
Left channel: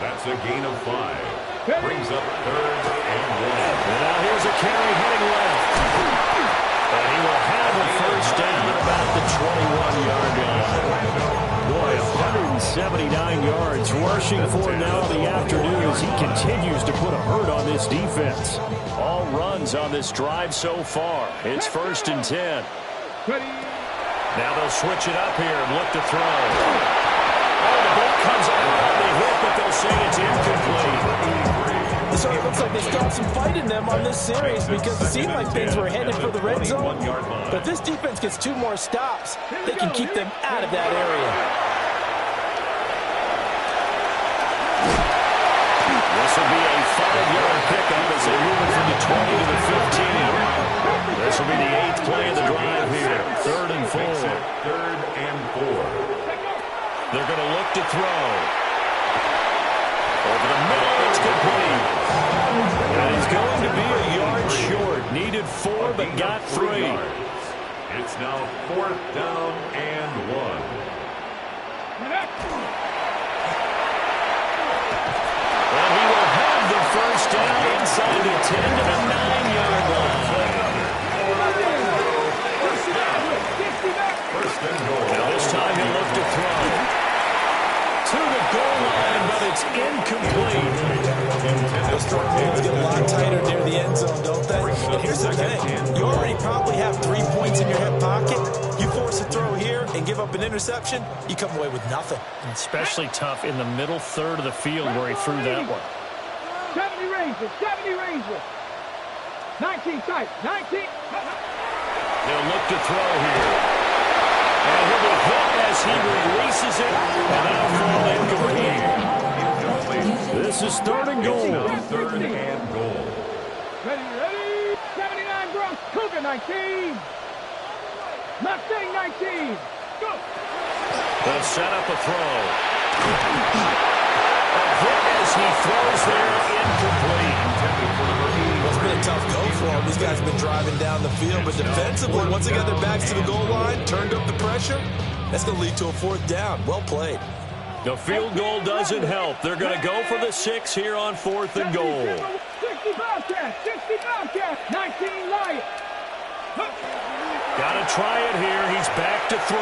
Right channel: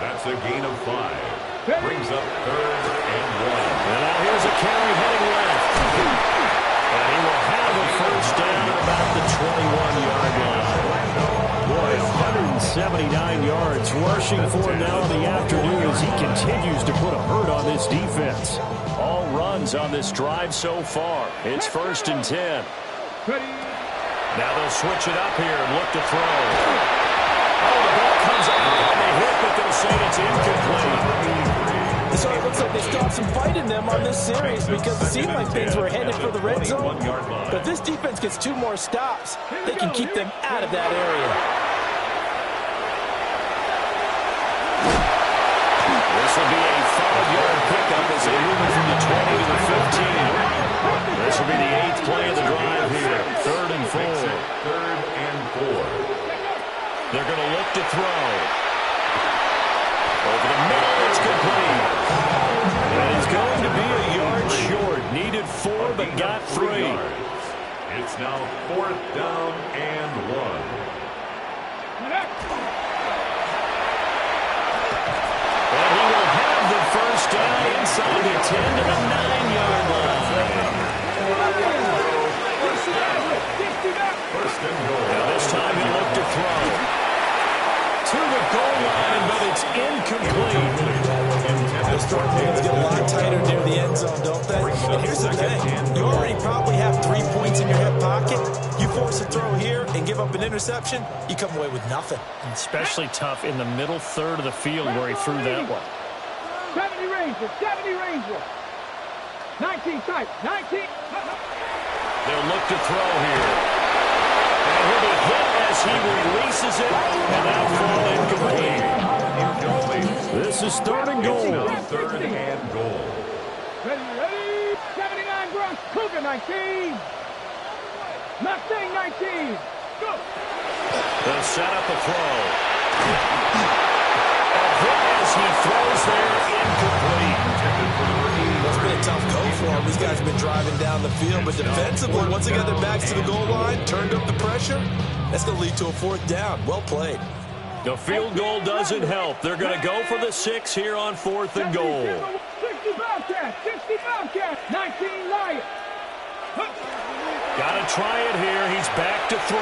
That's a gain of 5. Brings up 3rd and 1. And now here's a carry heading left. And he will have a 1st down at about the 21-yard line. Boy, 179 yards rushing for him now in the afternoon as he continues to put a hurt on this defense. All runs on this drive so far. It's 1st and 10. Now they'll switch it up here and look to throw. Oh, the ball comes out on the hit, but they'll say it's incomplete. So it looks like they still have some fight in them on this series because it seemed like things were headed for the red zone. But if this defense gets 2 more stops, they can keep them out of that area. This will be a 5-yard pickup as they move it from the 20 to the 15. This will be the 8th play of the drive here. 3rd and 4. 3rd and 4. They're going to look to throw. Over the middle, it's complete. And he's going to be a yard short. Needed 4, but got 3. It's now 4th down and 1. And he will have the first down inside the 10 to the 9-yard line. First and goal. Now this time he'll look to throw. To the goal line, but it's incomplete. Those throw lanes get a lot tighter near the end zone, don't they? And here's the thing. You already probably have 3 points in your hip pocket. You force a throw here and give up an interception, you come away with nothing. Especially tough in the middle third of the field where he threw that one. 70 Rangers, 70 Rangers. 19 type, 19. They'll look to throw here. And he'll be hit as he releases it, and that'll fall incomplete. This is 3rd and goal. 3rd and goal. Ready. 79 Bronx, Cougar 19. Mustang 19. Go. They'll set up a throw. A hit as he throws there, incomplete. It's been a tough go for them. These guys have been driving down the field, but defensively, once they got their backs to the goal line, turned up the pressure, that's going to lead to a 4th down. Well played. The field goal doesn't help. They're going to go for the 6 here on 4th and goal. 60 Bobcats, 60 Bobcats, 19 Lions. Got to try it here. He's back to throw.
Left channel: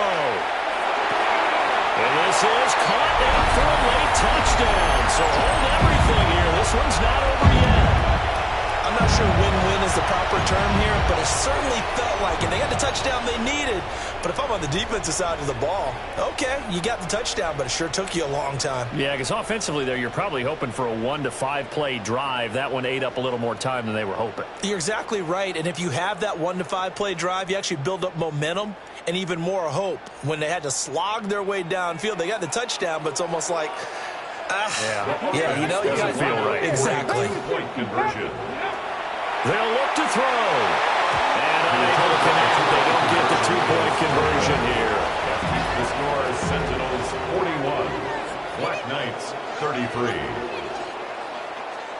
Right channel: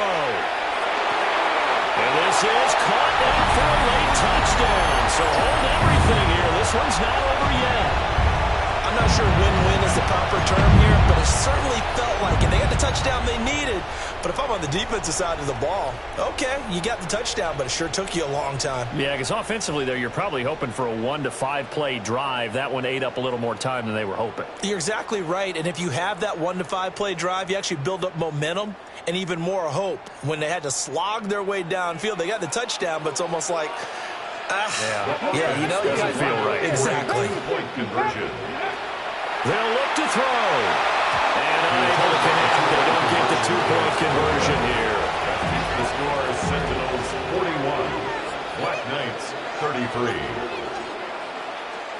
And this is caught down for a late touchdown. So hold everything here. This one's not over yet. I'm not sure win-win is the proper term here, but it certainly felt like it. They got the touchdown they needed. But if I'm on the defensive side of the ball, okay, you got the touchdown, but it sure took you a long time. Yeah, because offensively there, you're probably hoping for a 1 to 5 play drive. That one ate up a little more time than they were hoping. You're exactly right. And if you have that 1 to 5 play drive, you actually build up momentum and even more hope. When they had to slog their way downfield, they got the touchdown, but it's almost like, yeah, you know, you got to feel right. Exactly. Point conversion. They'll look to throw. And unable to connect. They don't get the 2-point conversion here. That keeps the score Sentinels 41, Black Knights 33.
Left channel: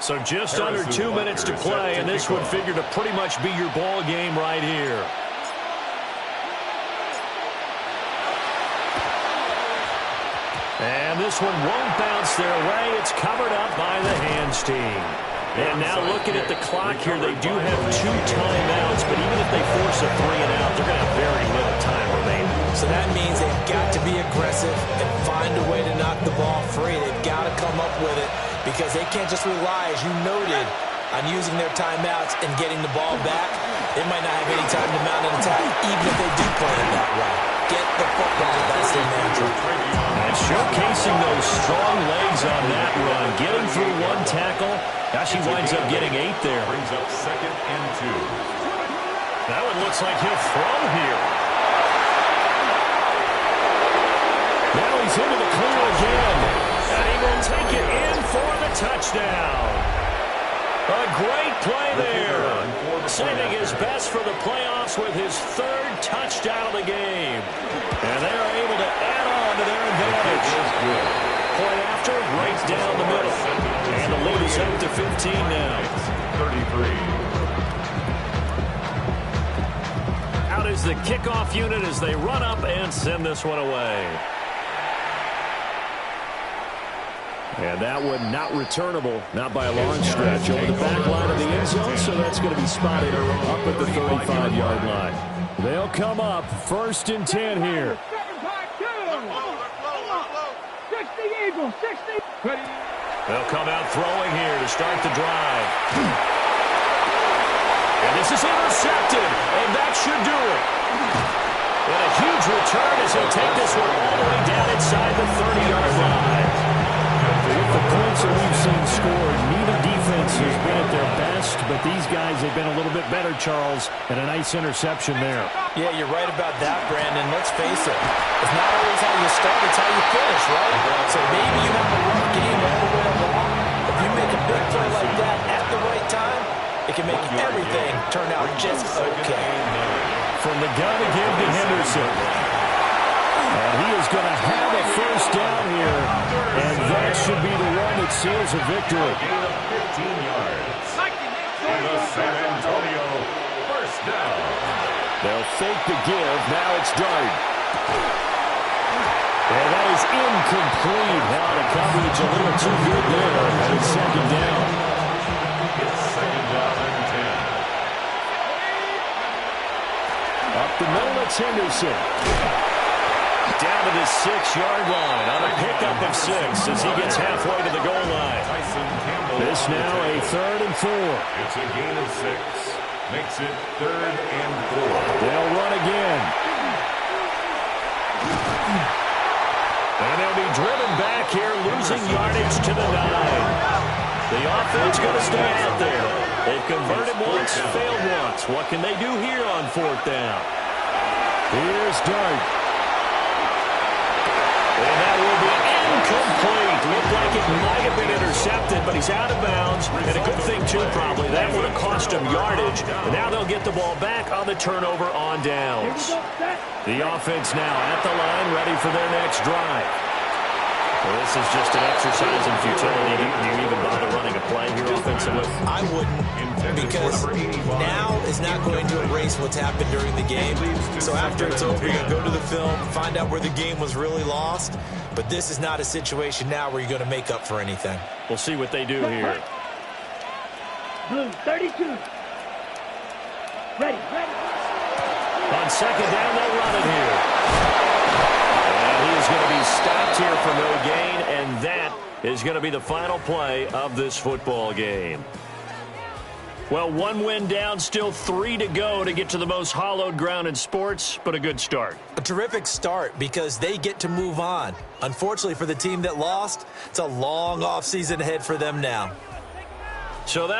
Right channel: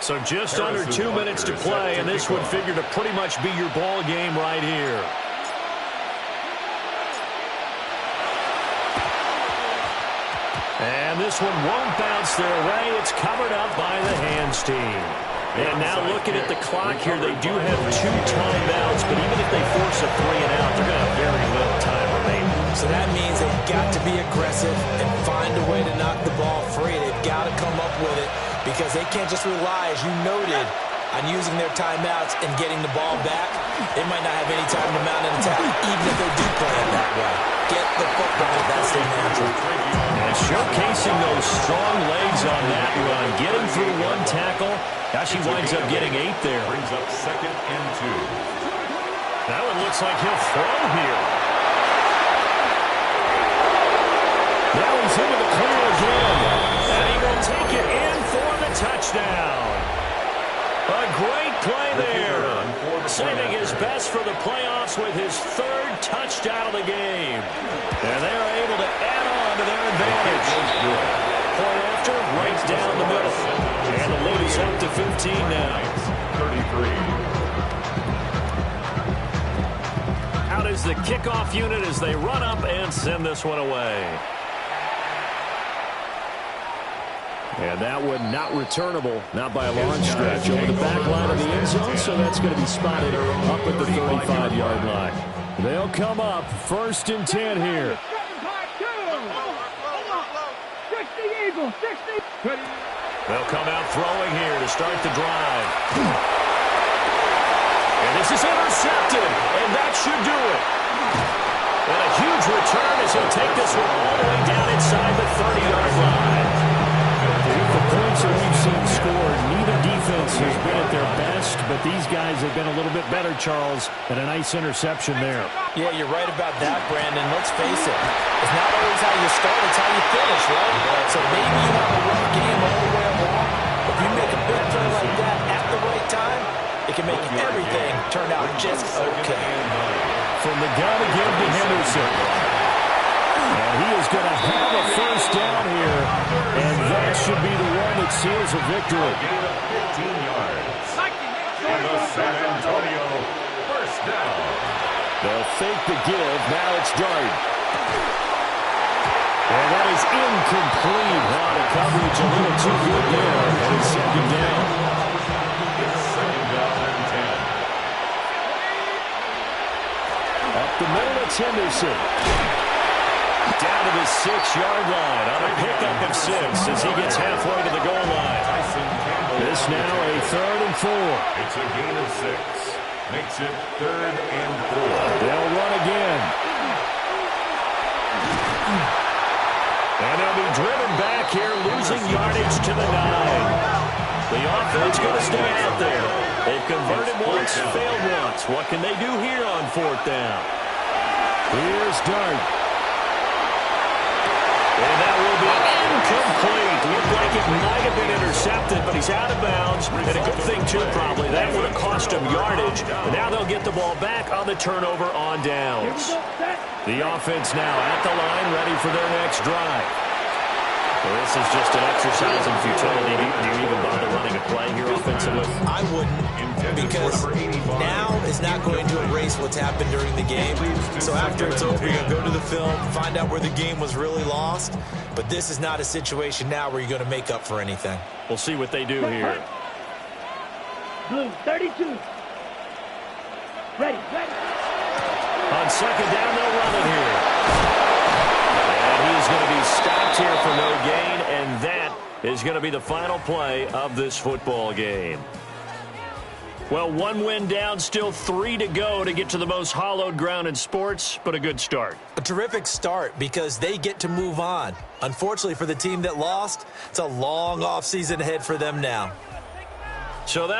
So just under 2 minutes to play, and this would figure to pretty much be your ball game right here. And this one won't bounce their way. It's covered up by the hands team. And now looking at the clock here, they do have 2 timeouts, but even if they force a 3 and out, they're going to have very little time remaining. So that means they've got to be aggressive and find a way to knock the ball free. They've got to come up with it because they can't just rely, as you noted, on using their timeouts and getting the ball back. They might not have any time to mount an attack, even if they do play it that way. Get the football. That's their mantra. And showcasing those strong legs on that run, getting through 1 tackle. Gosh, he winds up getting 8 there. Brings up 2nd and 2. That one looks like he'll throw here. Now he's into the clear again. And he will take it in for the touchdown. A great play there. Saving his best for the playoffs with his 3rd touchdown of the game. And they are able to add on to their advantage. Point after, right down the middle. And the lead is up to 15 now. 33. Out is the kickoff unit as they run up and send this one away. And that one not returnable, not by a long stretch, over the back line of the end zone, so that's going to be spotted up at the 35-yard line. They'll come up, 1st and 10 here. 60 Eagles, 60. They'll come out throwing here to start the drive. And this is intercepted, and that should do it. And a huge return as he'll take this one all the way down inside the 30-yard line. the points that we've seen scored, neither defense has been at their best, but these guys have been a little bit better, Charles, and a nice interception there. Yeah, you're right about that, Brandon. Let's face it. It's not always how you start, it's how you finish, right? So maybe you have a rough game all the way along. If you make a big play like that at the right time, it can make everything turn out just okay. From the gun to give to Henderson. And he is going to have a first down here, and that should be the one that seals a victory. A gain of 15 yards. And the San Antonio first down. They'll fake the give. Now it's Dart. And that is incomplete. Now the coverage a little too good there, and it's second down. It's second down and 10. Up the middle, it's Henderson. Down to the 6-yard line on a pickup of 6 as he gets halfway to the goal line. This now a 3rd and 4. It's a gain of 6. Makes it 3rd and 4. They'll run again. And they'll be driven back here, losing yardage to the 9. The offense going to stay out there. They've converted once, failed once. What can they do here on 4th down? Here's Dart. And that will be incomplete. Looked like it might have been intercepted, but he's out of bounds. And a good thing, too, probably. That would have cost him yardage. And now they'll get the ball back on the turnover on downs. The offense now at the line, ready for their next drive. Well, this is just an exercise in futility. Do you even bother running a play here offensively? I wouldn't, because now is not going to erase what's happened during the game. So after it's over, you're going to go to the film, find out where the game was really lost. But this is not a situation now where you're going to make up for anything. We'll see what they do here. Blue, 32. Ready. On second down, they'll run it here. And he is going to be stopped here for no gain, and that is going to be the final play of this football game. Well, 1 win down, still 3 to go to get to the most hallowed ground in sports, but a good start. A terrific start because they get to move on. Unfortunately for the team that lost, it's a long offseason ahead for them now. So that